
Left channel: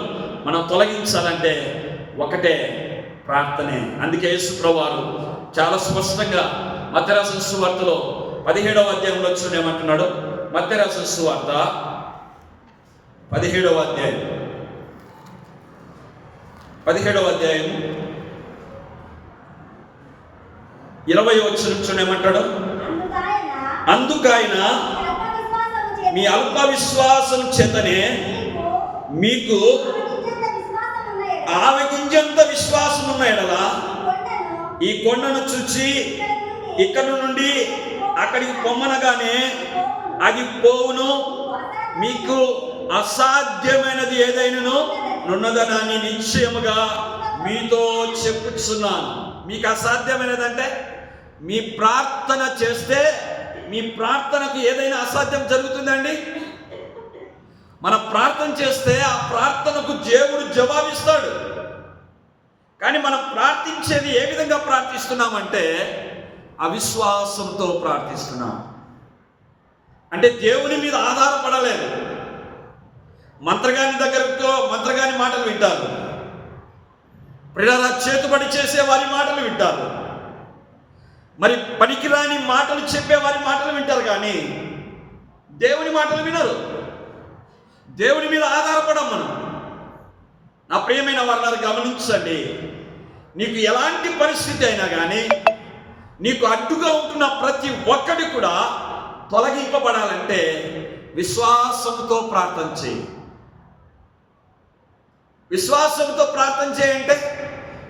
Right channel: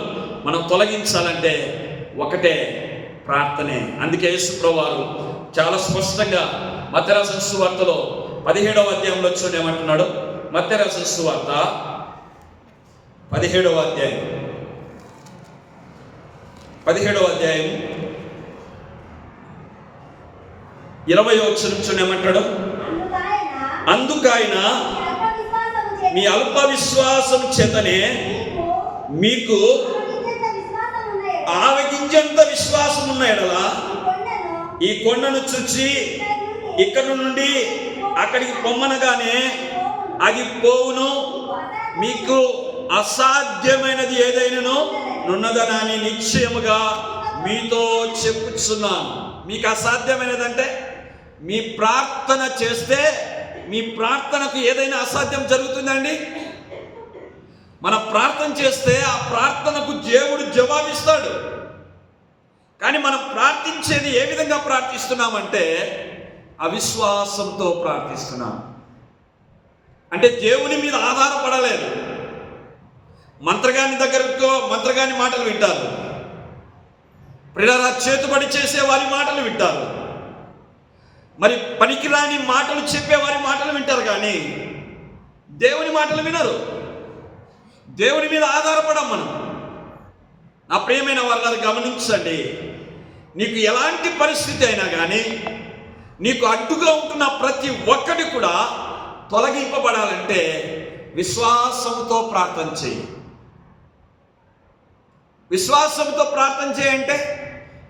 మనం తొలగించాలంటే ఒకటే, ప్రార్థనే. అందుకే యేసుప్రభువు వారు చాలా స్పష్టంగా మత్తయి రాసిన సువార్తలో 17వ అధ్యాయంలో చూడండి ఏమంటున్నాడు. మత్తయి రాసిన సువార్త 17వ అధ్యాయం 20వ వచనం చూడండి ఏమంటాడు. అందుకైన మీ అల్ప విశ్వాసం చేతనే మీకు ఆవగింజంత విశ్వాసం ఉన్న ఎడల ఈ కొండను చూచి ఇక్కడ నుండి అక్కడికి పొమ్మనగానే అది పోవును, మీకు అసాధ్యమైనది ఏదైనాను నున్నదనని నిశ్చయముగా మీతో చెప్పుచున్నాను. మీకు అసాధ్యమైనది అంటే మీ ప్రార్థన చేస్తే మీ ప్రార్థనకు ఏదైనా అసాధ్యం జరుగుతుందండి? మన ప్రార్థన చేస్తే ఆ ప్రార్థనకు దేవుడు జవాబిస్తాడు. కానీ మనం ప్రార్థించేది ఏ విధంగా ప్రార్థిస్తున్నామంటే అవిశ్వాసంతో ప్రార్థిస్తున్నాం. అంటే దేవుని మీద ఆధారపడలేదు. మంత్రగాని మాటలు వింటారు, ప్రియులారా, చేతుబడి చేసే వారి మాటలు వింటారు, మరి పనికిరాని మాటలు చెప్పే వారి మాటలు వింటారు, కానీ దేవుని మాటలు వినరు. దేవుని మీద ఆధారపడం మనం. నా ప్రియమైన వాళ్ళని గమనించండి, నీకు ఎలాంటి పరిస్థితి అయినా కానీ నీకు అడ్డుగా ఉంటున్న ప్రతి ఒక్కటి కూడా తొలగింపబడాలంటే విశ్వాసంతో ప్రార్థన చేయి. విశ్వాసంతో ప్రార్థన చేయంటే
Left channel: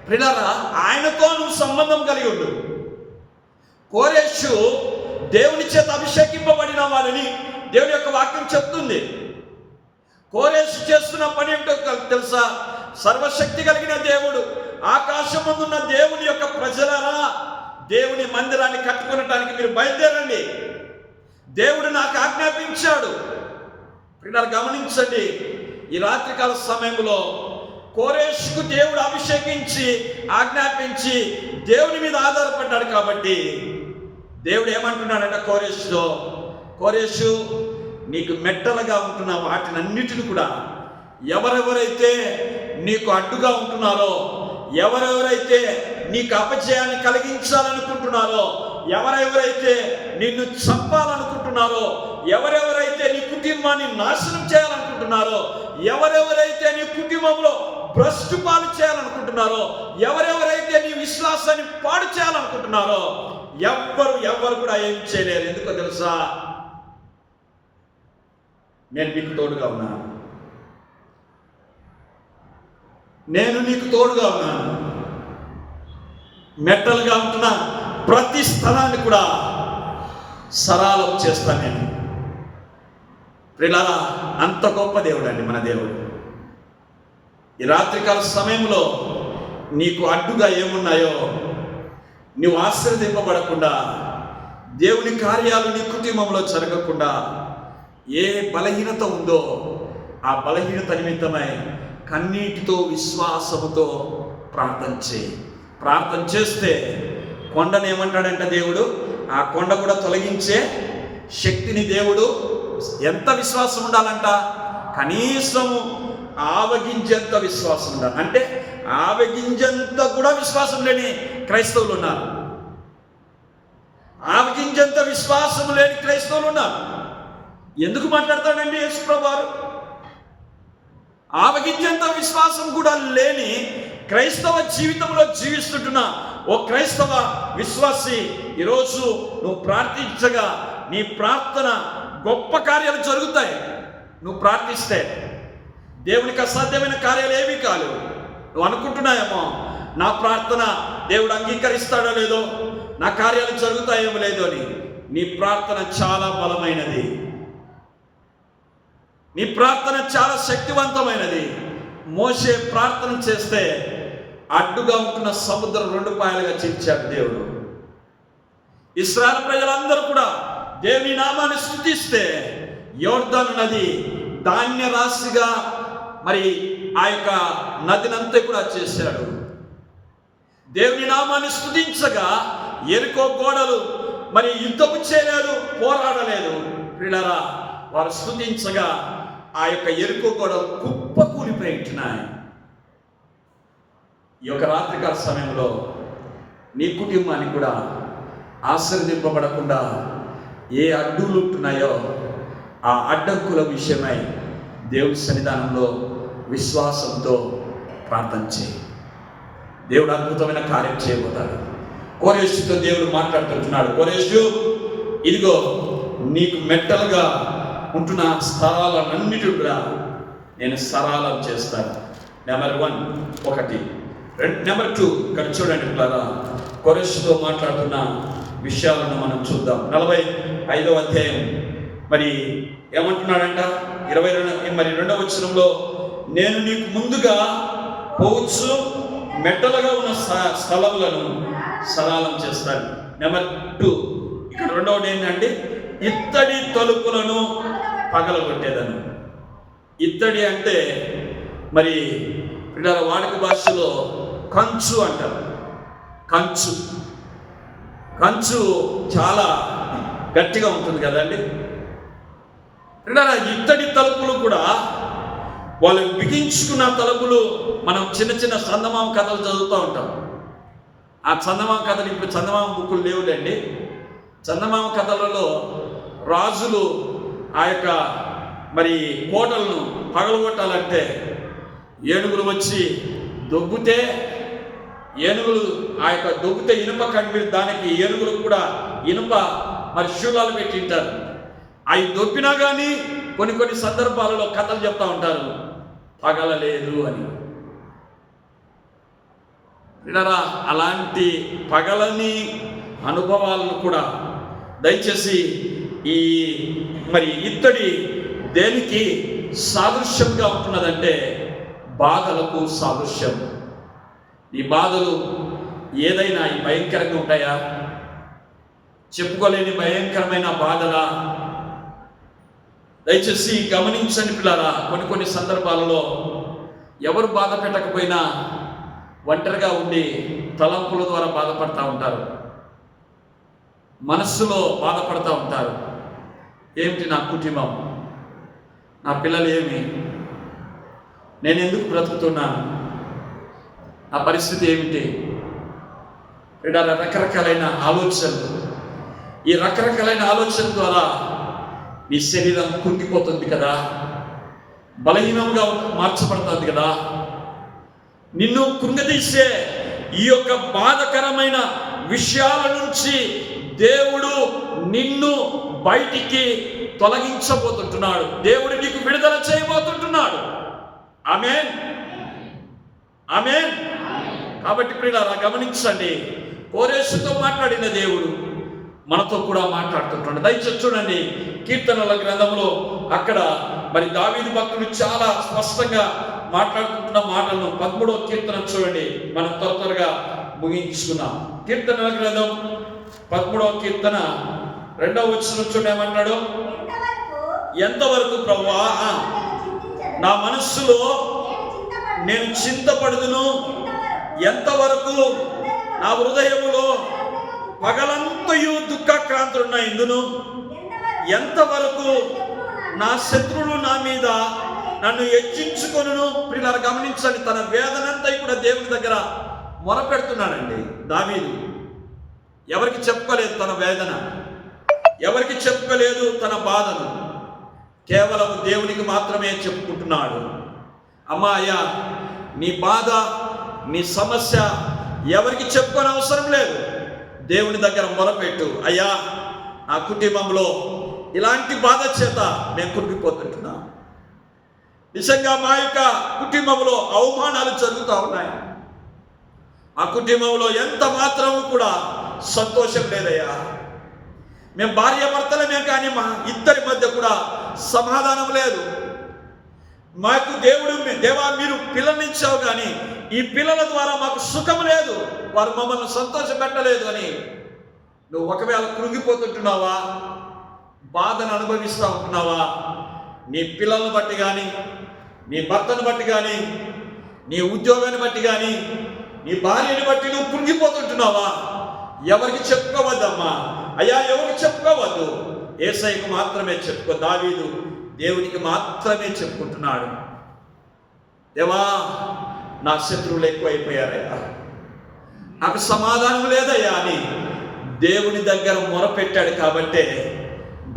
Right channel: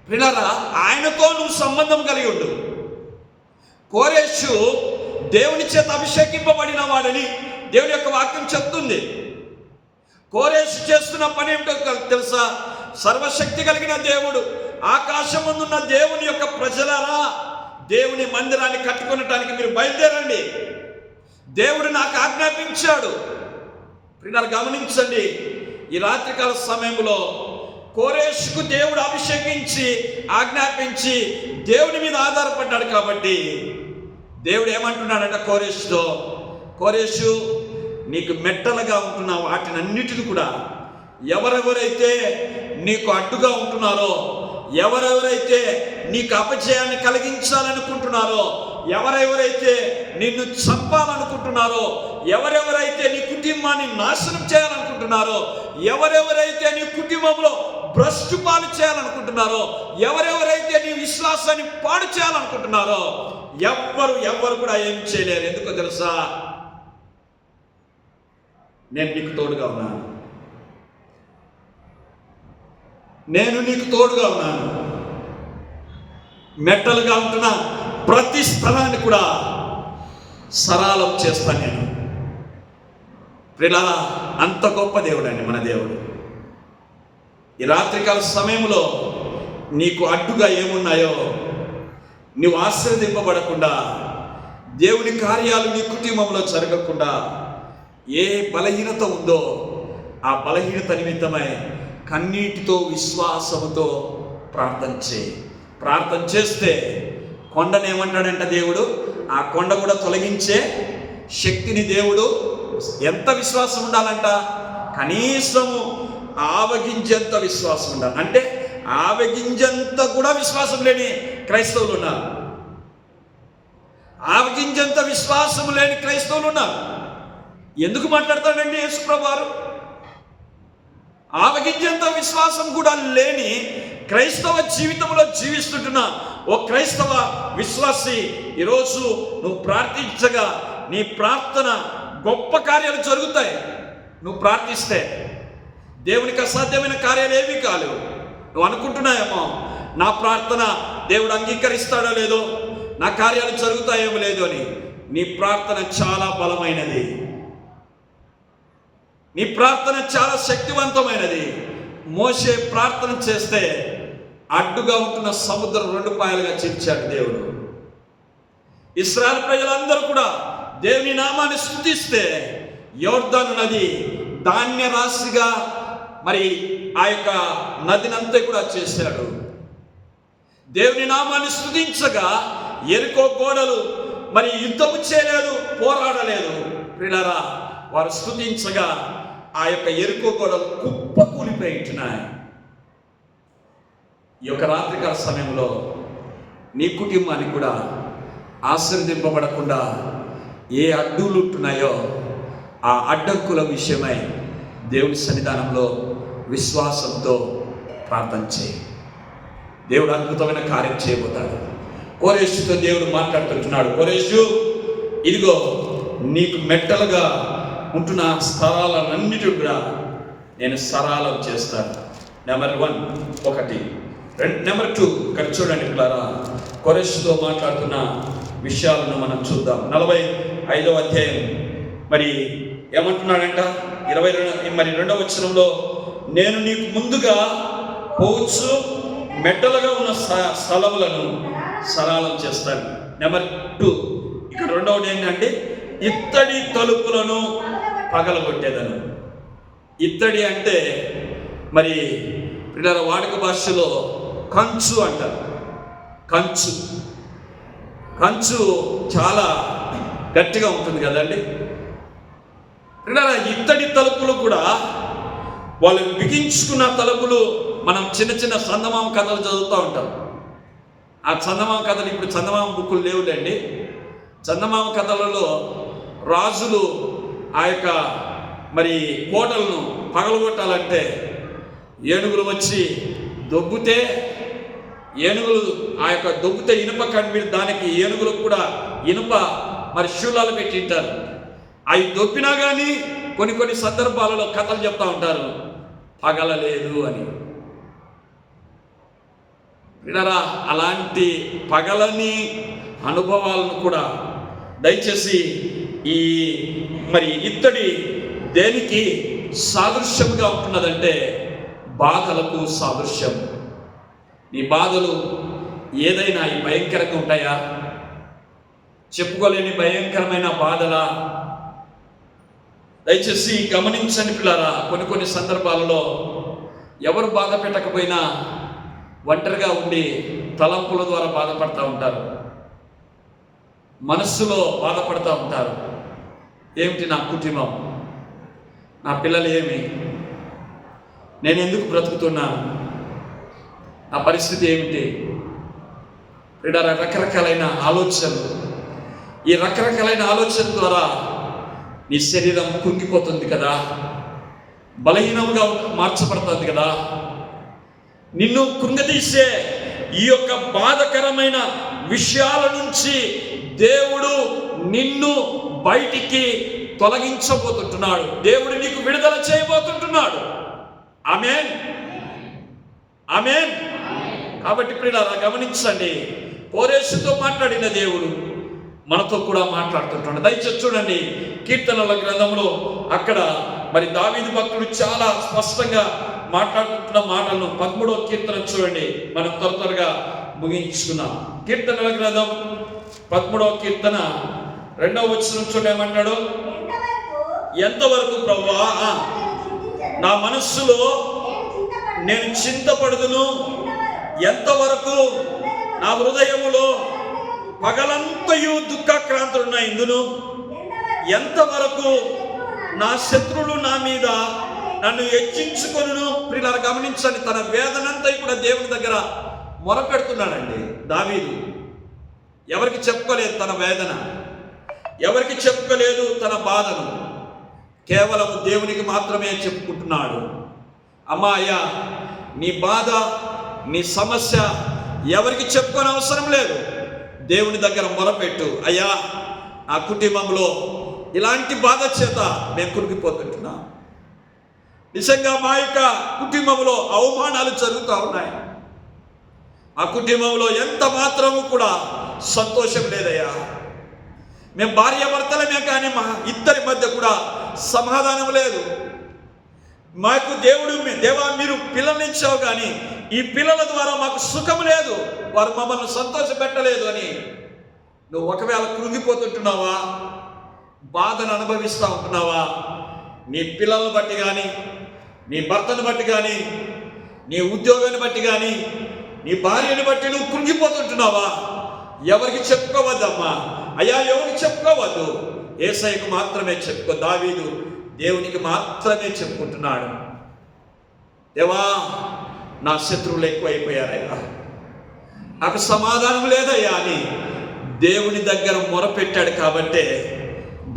ప్రియులారా, ఆయనతో నువ్వు సంబంధం కలిగి ఉండు. కోరెషు దేవుని చేత అభిషేకింపబడిన వాడని దేవుని యొక్క వాక్యం చెప్తుంది. కోరెషు చేస్తున్న పని ఏమిటో తెలుసా? సర్వశక్తి కలిగిన దేవుడు, ఆకాశమందున్న దేవుని యొక్క ప్రజలారా, దేవుని మందిరాన్ని కట్టుకునటానికి మీరు బయలుదేరండి, దేవుడు నాకు ఆజ్ఞాపించాడు. ప్రియులారా, గమనించండి, ఈ రాత్రికాల సమయంలో కోరెషుకు దేవుడు అభిషేకించి ఆజ్ఞాపించి దేవుని మీద ఆధారపడ్డాడు. కాబట్టి దేవుడు ఏమంటున్నాడంటే కోరెషుతో, కోరెషు, నీకు మెట్టలుగా ఉంటున్న వాటినన్నిటిని కూడా ఎవరెవరైతే నీకు అడ్డుగా ఉంటున్నారో, ఎవరెవరైతే నీకు అపజయాన్ని కలిగించాలనుకుంటున్నారో, ఎవరెవరైతే నిన్ను చంపాలనుకుంటున్నారో, ఎవరెవరైతే నీ కుటుంబాన్ని నాశనం చేయాలనుకుంటున్నారో, ఎవరెవరైతే నీ కుటుంబంలో భ్రష్టు పాలు చేయాలనుకుంటున్నారో, ఎవరెవరైతే నీ విశ్వాసాన్ని పాడు చేయాలనుకుంటున్నారో, ఎవ్వరు కూడా ఏం చేయలేరు. ఎందుకో తెలుసా? నేను నీకు తోడుగా ఉన్నాను. నేను నీకు తోడుగా ఉన్నాను. మెట్టలుగా ఉంటున్న ప్రతి స్థలాన్ని కూడా సరళం చేస్తాను నేను. ప్రియులారా, అంత గొప్ప దేవుడు అండి మన దేవుడు. ఈ రాత్రికాల సమయంలో నీకు అడ్డుగా ఏమున్నాయో, నువ్వు ఆశీర్వదింపబడకుండా, దేవుని కార్యాలు నీ కుటుంబంలో జరగకుండా ఏ బలహీనత ఉందో ఆ బలహీనత నిమిత్తమై కన్నీటితో విశ్వాసముతో ప్రార్థన చేయి. ప్రార్థన చేస్తే కొండను ఏమంటాడంట దేవుడు, ఆ కొండ కూడా తొలగించే శక్తిని దేవుడు. ఎంత విశ్వాసం ఉండాలంట? కనీసము ఆవగింజంత విశ్వాసం ఉండాలి. అంటే ఆవగింజంత కూడా విశ్వాసం లేని క్రైస్తవులు ఉన్నారు. ఆవగింజంత విశ్వాసం లేని క్రైస్తవులు ఉన్నారు. ఎందుకు మాట్లాడతాడండి యేసుప్రభు వారు? ఆవగింజంత విశ్వాసం కూడా లేని క్రైస్తవ జీవితంలో జీవిస్తుంటున్న ఓ క్రైస్తవ విశ్వాసి, ఈరోజు నువ్వు ప్రార్థించగా నీ ప్రార్థన గొప్ప కార్యాలు జరుగుతాయి. నువ్వు ప్రార్థిస్తే దేవునికి అసాధ్యమైన కార్యాలు ఏమీ కాలేవు. నువ్వు అనుకుంటున్నాయేమో, నా ప్రార్థన దేవుడు అంగీకరిస్తాడో లేదో, నా కార్యాలు జరుగుతాయేమో లేదో అని. నీ ప్రార్థన చాలా బలమైనది, నీ ప్రార్థన చాలా శక్తివంతమైనది. మోషే ప్రార్థన చేస్తే అడ్డుగా ఉంటున్న సముద్రం 2 పాయలుగా చీల్చాడు దేవుడు. ఇశ్రాయేలు ప్రజలందరూ కూడా దేవుని నామాన్ని స్తుతిస్తే యోర్దాను నది ధాన్య రాశిగా మరి ఆ యొక్క నదినంతా కూడా చేశాడు. దేవుని నామాన్ని స్తుతించగా ఎరికో గోడలు మరి యుద్ధము చేయలేదు, పోరాడలేదు. ప్రియులారా, వారు స్తుతించగా ఆ యొక్క ఎరుకో గోడలు కుప్ప కూలిపోయి ఉంటున్నాయి. ఈ యొక్క రాత్రికాల సమయంలో నీ కుటుంబాన్ని కూడా ఆశీర్వదింపబడకుండా ఏ అడ్డులు ఉంటున్నాయో ఆ అడ్డంకుల విషయమై దేవుడి సన్నిధానంలో విశ్వాసంతో ప్రార్థన చేయి. దేవుడు అద్భుతమైన కార్యం చేయబోతాడు. కోరెషుతో దేవుడు మాట్లాడుతున్నాడు, కోరెషు, ఇదిగో నీకు మెట్టలుగా ఉంటున్న స్థలాలన్నిటి కూడా నేను సరళం చేస్తాను. నెంబర్ 1 ఒకటి. నెంబర్ 2 ఇక్కడ చూడండి పిల్లరా, కోరెషుతో మాట్లాడుతున్న విషయాలను మనం చూద్దాం. 45వ అధ్యాయం మరి ఏమంటున్నాడంట 22వ వచనంలో, నేను నీకు ముందుగా పోవచ్చు మెట్టలుగా ఉన్న స్థలములను సరళం చేస్తాను. నెంబర్ 2 ఇక్కడ రెండవది ఏంటంటే ఇత్తడి తలుపులను పగలగొట్టేదను. ఇత్తడి అంటే మరి పిల్లల వాడుక భాషలో కంచు అంటారు. కంచు చాలా గట్టిగా ఉంటుంది కదండి. పిల్లల ఇత్తడి తలుపులు కూడా వాళ్ళు బిగించుకున్న తలుపులు మనం చిన్న చిన్న చందమామ కథలు చదువుతూ ఉంటాం. ఆ చందమామ కథలు ఇప్పుడు చందమామ బుక్కులు లేవులేండి. చందమామ కథలలో రాజులు ఆ యొక్క మరి కోటలను పగలగొట్టాలంటే ఏనుగులు వచ్చి దొబ్బితే ఏనుగులు ఆ యొక్క దొబ్బితే ఇనుప కడ్డీలు, దానికి ఏనుగులకు కూడా ఇనుప మరి శూలాలు పెట్టింటారు. అవి దొబ్బినా కానీ కొన్ని సందర్భాలలో కథలు చెప్తా ఉంటారు పగలలేదు అని. వినరా, అలాంటి పగలని అనుభవాలను కూడా దయచేసి ఈ మరి ఇత్తడి దేనికి సాదృశ్యంగా ఉంటున్నదంటే బాధలకు సాదృశ్యం. ఈ బాధలు ఏదైనా ఈ భయంకరంగా ఉంటాయా? చెప్పుకోలేని భయంకరమైన బాధలా? దయచేసి గమనించండి పిల్లారా, కొన్ని సందర్భాలలో ఎవరు బాధ పెట్టకపోయినా ఒంటరిగా ఉండి తలంపుల ద్వారా బాధపడతా ఉంటారు, మనస్సులో బాధపడతా ఉంటారు. ఏమిటి నా కుటుంబం, నా పిల్లలు ఏమి, నేను ఎందుకు బ్రతుకుతున్నాను, నా పరిస్థితి ఏమిటి? రకరకాలైన ఆలోచనలు. ఈ రకరకాలైన ఆలోచన ద్వారా నీ శరీరం కుంగిపోతుంది కదా, బలహీనంగా మార్చబడుతుంది కదా. నిన్ను కృంగదీసే ఈ యొక్క బాధకరమైన విషయాల నుంచి దేవుడు నిన్ను బయటికి తొలగించబోతుంటున్నాడు. దేవుడు నీకు విడుదల చేయబోతుంటున్నాడు. ఆమేన్, ఆమేన్. కాబట్టి ప్రియులారా గమనించండి, కోరేషుతో మాట్లాడిన దేవుడు మనతో కూడా మాట్లాడుతుంటాడు. దయచేసి చూడండి, కీర్తనల గ్రంథంలో అక్కడ మరి దావీదు భక్తుడు చాలా స్పష్టంగా మాట్లాడుకుంటున్న మాటలను 13వ కీర్తన చూడండి. మనం త్వరగా ముగించుకున్నాం. కీర్తనల గ్రంథం 13వ కీర్తన 2వ వచనం చూడండి, ఏమన్నాడు? ఎంతవరకు ప్రభువా నా మనస్సులో నేను చింతపడుదును, ఎంతవరకు నా హృదయములో పగలంతయు దుఃఖాక్రాంతులున్నాయిందును, ఎంతవరకు నా శత్రువులు నా మీద నన్ను హెచ్చించుకొనును. ప్రియులారా గమనించండి, తన వేదనంతా కూడా దేవుని దగ్గర మొరపెడుతున్నాడండి దావీదు. ఎవరికి చెప్పుకోలేదు తన వేదన, ఎవరికి చెప్పుకోలేదు తన బాధను, కేవలం దేవునికి మాత్రమే చెప్పుకుంటున్నాడు. అమ్మా అయ్యా, నీ బాధ, నీ సమస్య ఎవరికి చెప్పుకోని అవసరం లేదు. దేవుని దగ్గర మొరపెట్టు. అయ్యా, నా కుటుంబంలో ఇలాంటి బాధ చేత నేను కురిగిపోతుంటున్నా, నిజంగా మా యొక్క కుటుంబంలో అవమానాలు జరుగుతూ ఉన్నాయి, మా కుటుంబంలో ఎంత మాత్రము కూడా సంతోషం లేదయ్యా, మేము భార్యాభర్తలమే కానీ మా ఇద్దరి మధ్య కూడా సమాధానం లేదు, మాకు దేవా మీరు పిల్లల్ని ఇచ్చావు కానీ ఈ పిల్లల ద్వారా మాకు సుఖం లేదు, వారు మమ్మల్ని సంతోష పెట్టలేదు అని నువ్వు ఒకవేళ కృంగిపోతుంటున్నావా, బాధను అనుభవిస్తూ ఉంటున్నావా? నీ పిల్లలను బట్టి కానీ, నీ భర్తను బట్టి కానీ, నీ ఉద్యోగాన్ని బట్టి కానీ, నీ భార్యని బట్టి నువ్వు కృంగిపోతుంటున్నావా? ఎవరికి చెప్పుకోవద్దమ్మా అయ్యా, ఎవరికి చెప్పుకోవద్దు, యేసయ్యకు మాత్రమే చెప్పుకో. దావీదు దేవునికి మాత్రమే చెప్పుకుంటున్నాడు. దేవా, నా శత్రువులు ఎక్కువైపోయారయ్యా, నాకు సమాధానం లేదయ్యా అని దేవుని దగ్గర మొరపెట్టాడు. కాబట్టే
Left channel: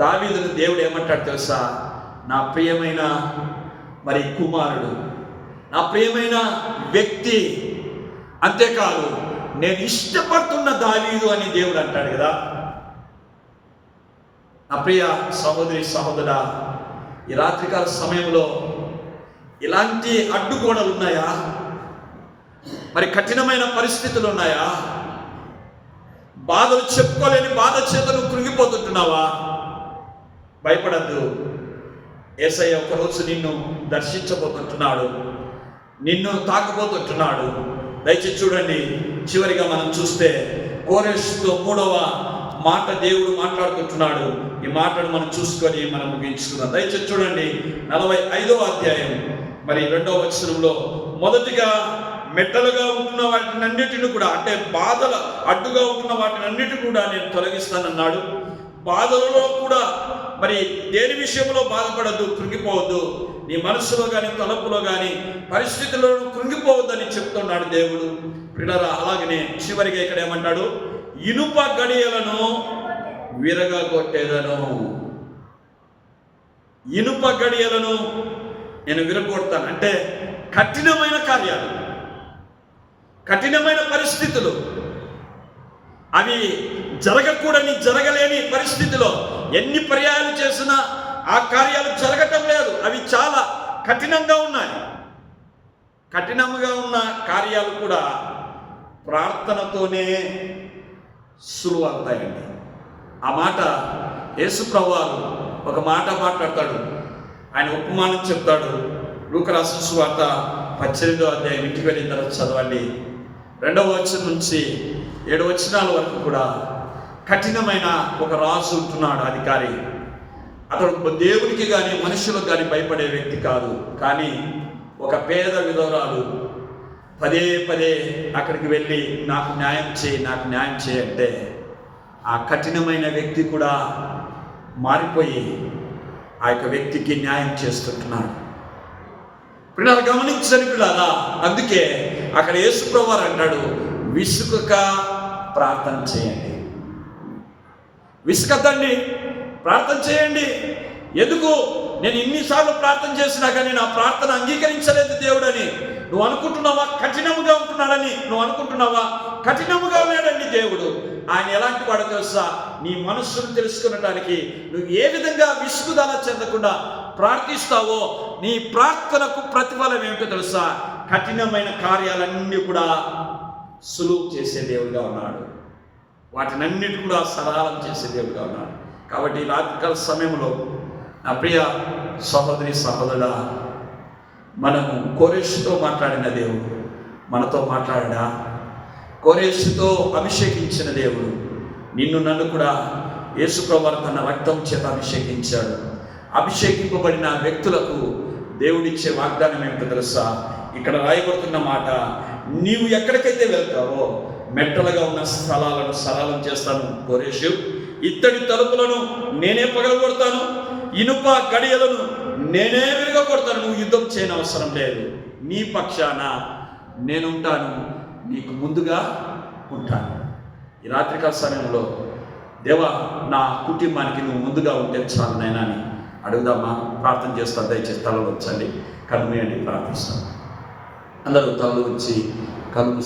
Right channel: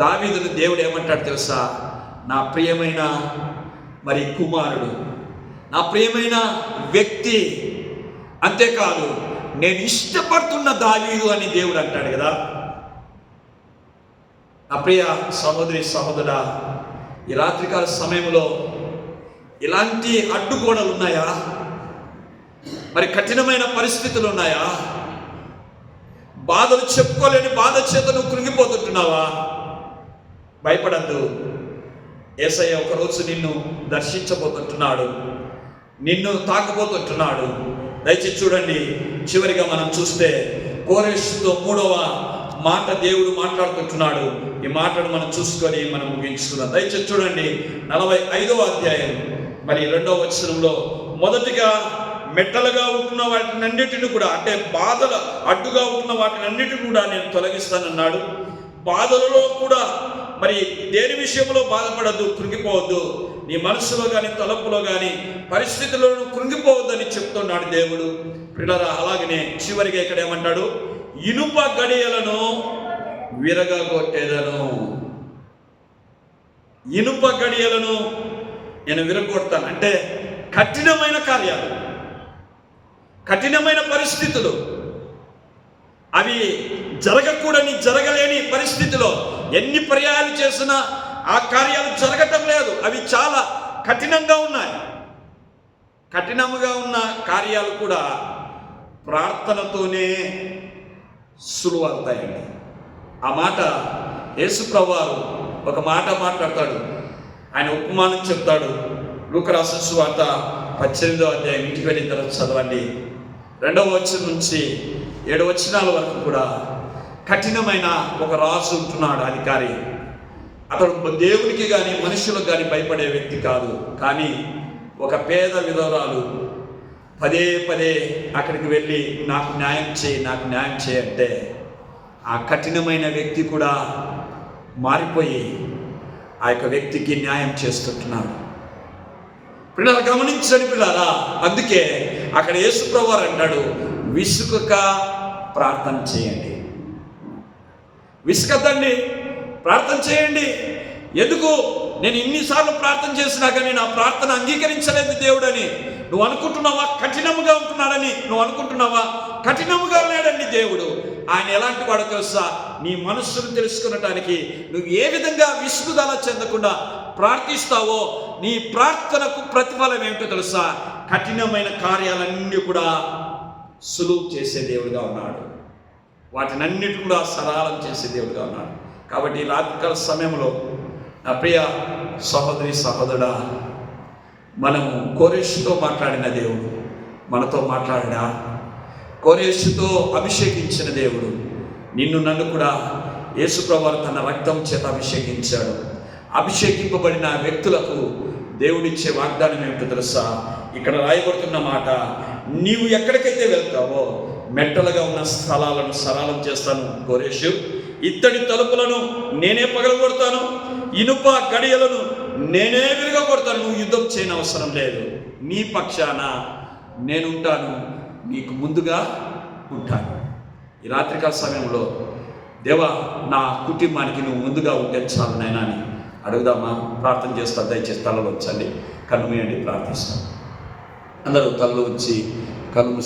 దావీదును దేవుడు ఏమంటాడు తెలుసా? నా ప్రియమైన మరి కుమారుడు, నా ప్రియమైన వ్యక్తి, అంతేకాదు నేను ఇష్టపడుతున్న దావీదు అని దేవుడు అంటాడు కదా. నా ప్రియ సహోదరి సహోదరా, ఈ రాత్రికాల సమయంలో ఇలాంటి అడ్డుగోడలు ఉన్నాయా? మరి కఠినమైన పరిస్థితులు ఉన్నాయా? బాధలు చెప్పుకోలేని బాధ చేత నువ్వు కృంగిపోతుంటున్నావా? భయపడద్దు. యేసయ్య ఒకరోజు నిన్ను దర్శించబోతుంటున్నాడు, నిన్ను తాకబోతుంటున్నాడు. దయచేసి చూడండి, చివరిగా మనం చూస్తే కోరెషుతో 3వ మాట దేవుడు మాట్లాడుకుంటున్నాడు. ఈ మాటను మనం చూసుకొని మనం ముగించుకుందాం. దయచేసి చూడండి, 45వ అధ్యాయం మరి 2వ వచనంలో, మొదటిగా మెట్టలుగా ఉంటున్న వాటినన్నిటిని కూడా, అంటే బాధల అడ్డుగా ఉంటున్న వాటినన్నిటిని కూడా నేను తొలగిస్తానన్నాడు. బాధలలో కూడా మరి దేని విషయంలో బాధపడద్దు, కృంగిపోవద్దు. నీ మనసులో కానీ తలపులో కానీ పరిస్థితుల్లో కృంగిపోవద్దని చెప్తున్నాడు దేవుడు. ప్రియులారా, అలాగనే చివరిగా ఇక్కడ ఏమంటాడు? ఇనుప గడియలను విరగగొట్టేదను. ఇనుప గడియలను నేను విరగొడతాను. అంటే కఠినమైన కార్యాలు, కఠినమైన పరిస్థితులు, అవి జరగకూడని జరగలేని పరిస్థితిలో ఎన్ని పర్యాయాలు చేసినా ఆ కార్యాలు జరగటం లేదు. అవి చాలా కఠినంగా ఉన్నాయి. కఠినంగా ఉన్న కార్యాలు కూడా ప్రార్థనతోనే సులువవుతాయండి. ఆ మాట యేసు ప్రభువారు ఒక మాట మాట్లాడతాడు. ఆయన ఉపమానం చెప్తాడు. లూకా రాసిన సువార్త 18వ అధ్యాయం, ఇంటికి వెళ్ళిన తర్వాత చదవండి. 2వ వచనం నుంచి 7 వచనాల వరకు కూడా కఠినమైన ఒక రాజు ఉంటున్నాడు, అధికారి. అతడు దేవునికి కానీ మనుషులకు కానీ భయపడే వ్యక్తి కాదు. కానీ ఒక పేద విధవరాలు పదే పదే అక్కడికి వెళ్ళి నాకు న్యాయం చేయి, నాకు న్యాయం చేయి అంటే ఆ కఠినమైన వ్యక్తి కూడా మారిపోయి ఆ యొక్క వ్యక్తికి న్యాయం చేస్తుంటున్నాడు. పిల్లలు గమనించని పిల్లరా, అందుకే అక్కడ యేసు ప్రభువారు అంటాడు, విసుకక ప్రార్థన చేయండి. విసుకద్దండి, ప్రార్థన చేయండి. ఎందుకు? నేను ఇన్నిసార్లు ప్రార్థన చేసినా కానీ నా ప్రార్థన అంగీకరించలేదు దేవుడని నువ్వు అనుకుంటున్నావా? కఠినముగా ఉంటున్నాడని నువ్వు అనుకుంటున్నావా? కఠినముగా లేడండి దేవుడు. ఆయన ఎలాంటి వాడు తెలుసా? నీ మనస్సును తెలుసుకునటానికి నువ్వు ఏ విధంగా విసుగుదల చెందకుండా ప్రార్థిస్తావో నీ ప్రార్థనకు ప్రతిఫలం ఏమిటో తెలుసా? కఠినమైన కార్యాలన్నీ కూడా సులువు చేసే దేవుడిగా ఉన్నాడు. వాటినన్నిటి కూడా సరళం చేసే దేవుడిగా ఉన్నాడు. కాబట్టి రాత్రికాల సమయంలో నా ప్రియ సహోదరి సహోదరుడా, మనము కోరెషుతో మాట్లాడిన దేవుడు మనతో మాట్లాడా? కోరెషుతో అభిషేకించిన దేవుడు నిన్ను నన్ను కూడా యేసు ప్రభువు తన రక్తం చేత అభిషేకించాడు. అభిషేకింపబడిన వ్యక్తులకు దేవుడిచ్చే వాగ్దానం ఏమిటో తెలుసా? ఇక్కడ రాయబడుతున్న మాట, నీవు ఎక్కడికైతే వెళ్తావో మెట్టలుగా ఉన్న స్థలాలను సరళం చేస్తాను కోరెషు. ఇత్తడి తలుపులను నేనే పగలగొడతాను, ఇనుప గడియలను నేనే విరగొడతాను. నువ్వు యుద్ధం చేయని అవసరం లేదు. నీ పక్షాన నేనుంటాను, నీకు ముందుగా ఉంటాను. ఈ రాత్రికాల సమయంలో దేవా, నా కుటుంబానికి నువ్వు ముందుగా ఉంటే చాలు నాయనా అని అడుగుదామా? ప్రార్థన చేస్తాను. దయచేసి తలలో వచ్చండి, కన్ను మూయండి, ప్రార్థిస్తాను. అందరూ తలలో వచ్చి కళ్ళు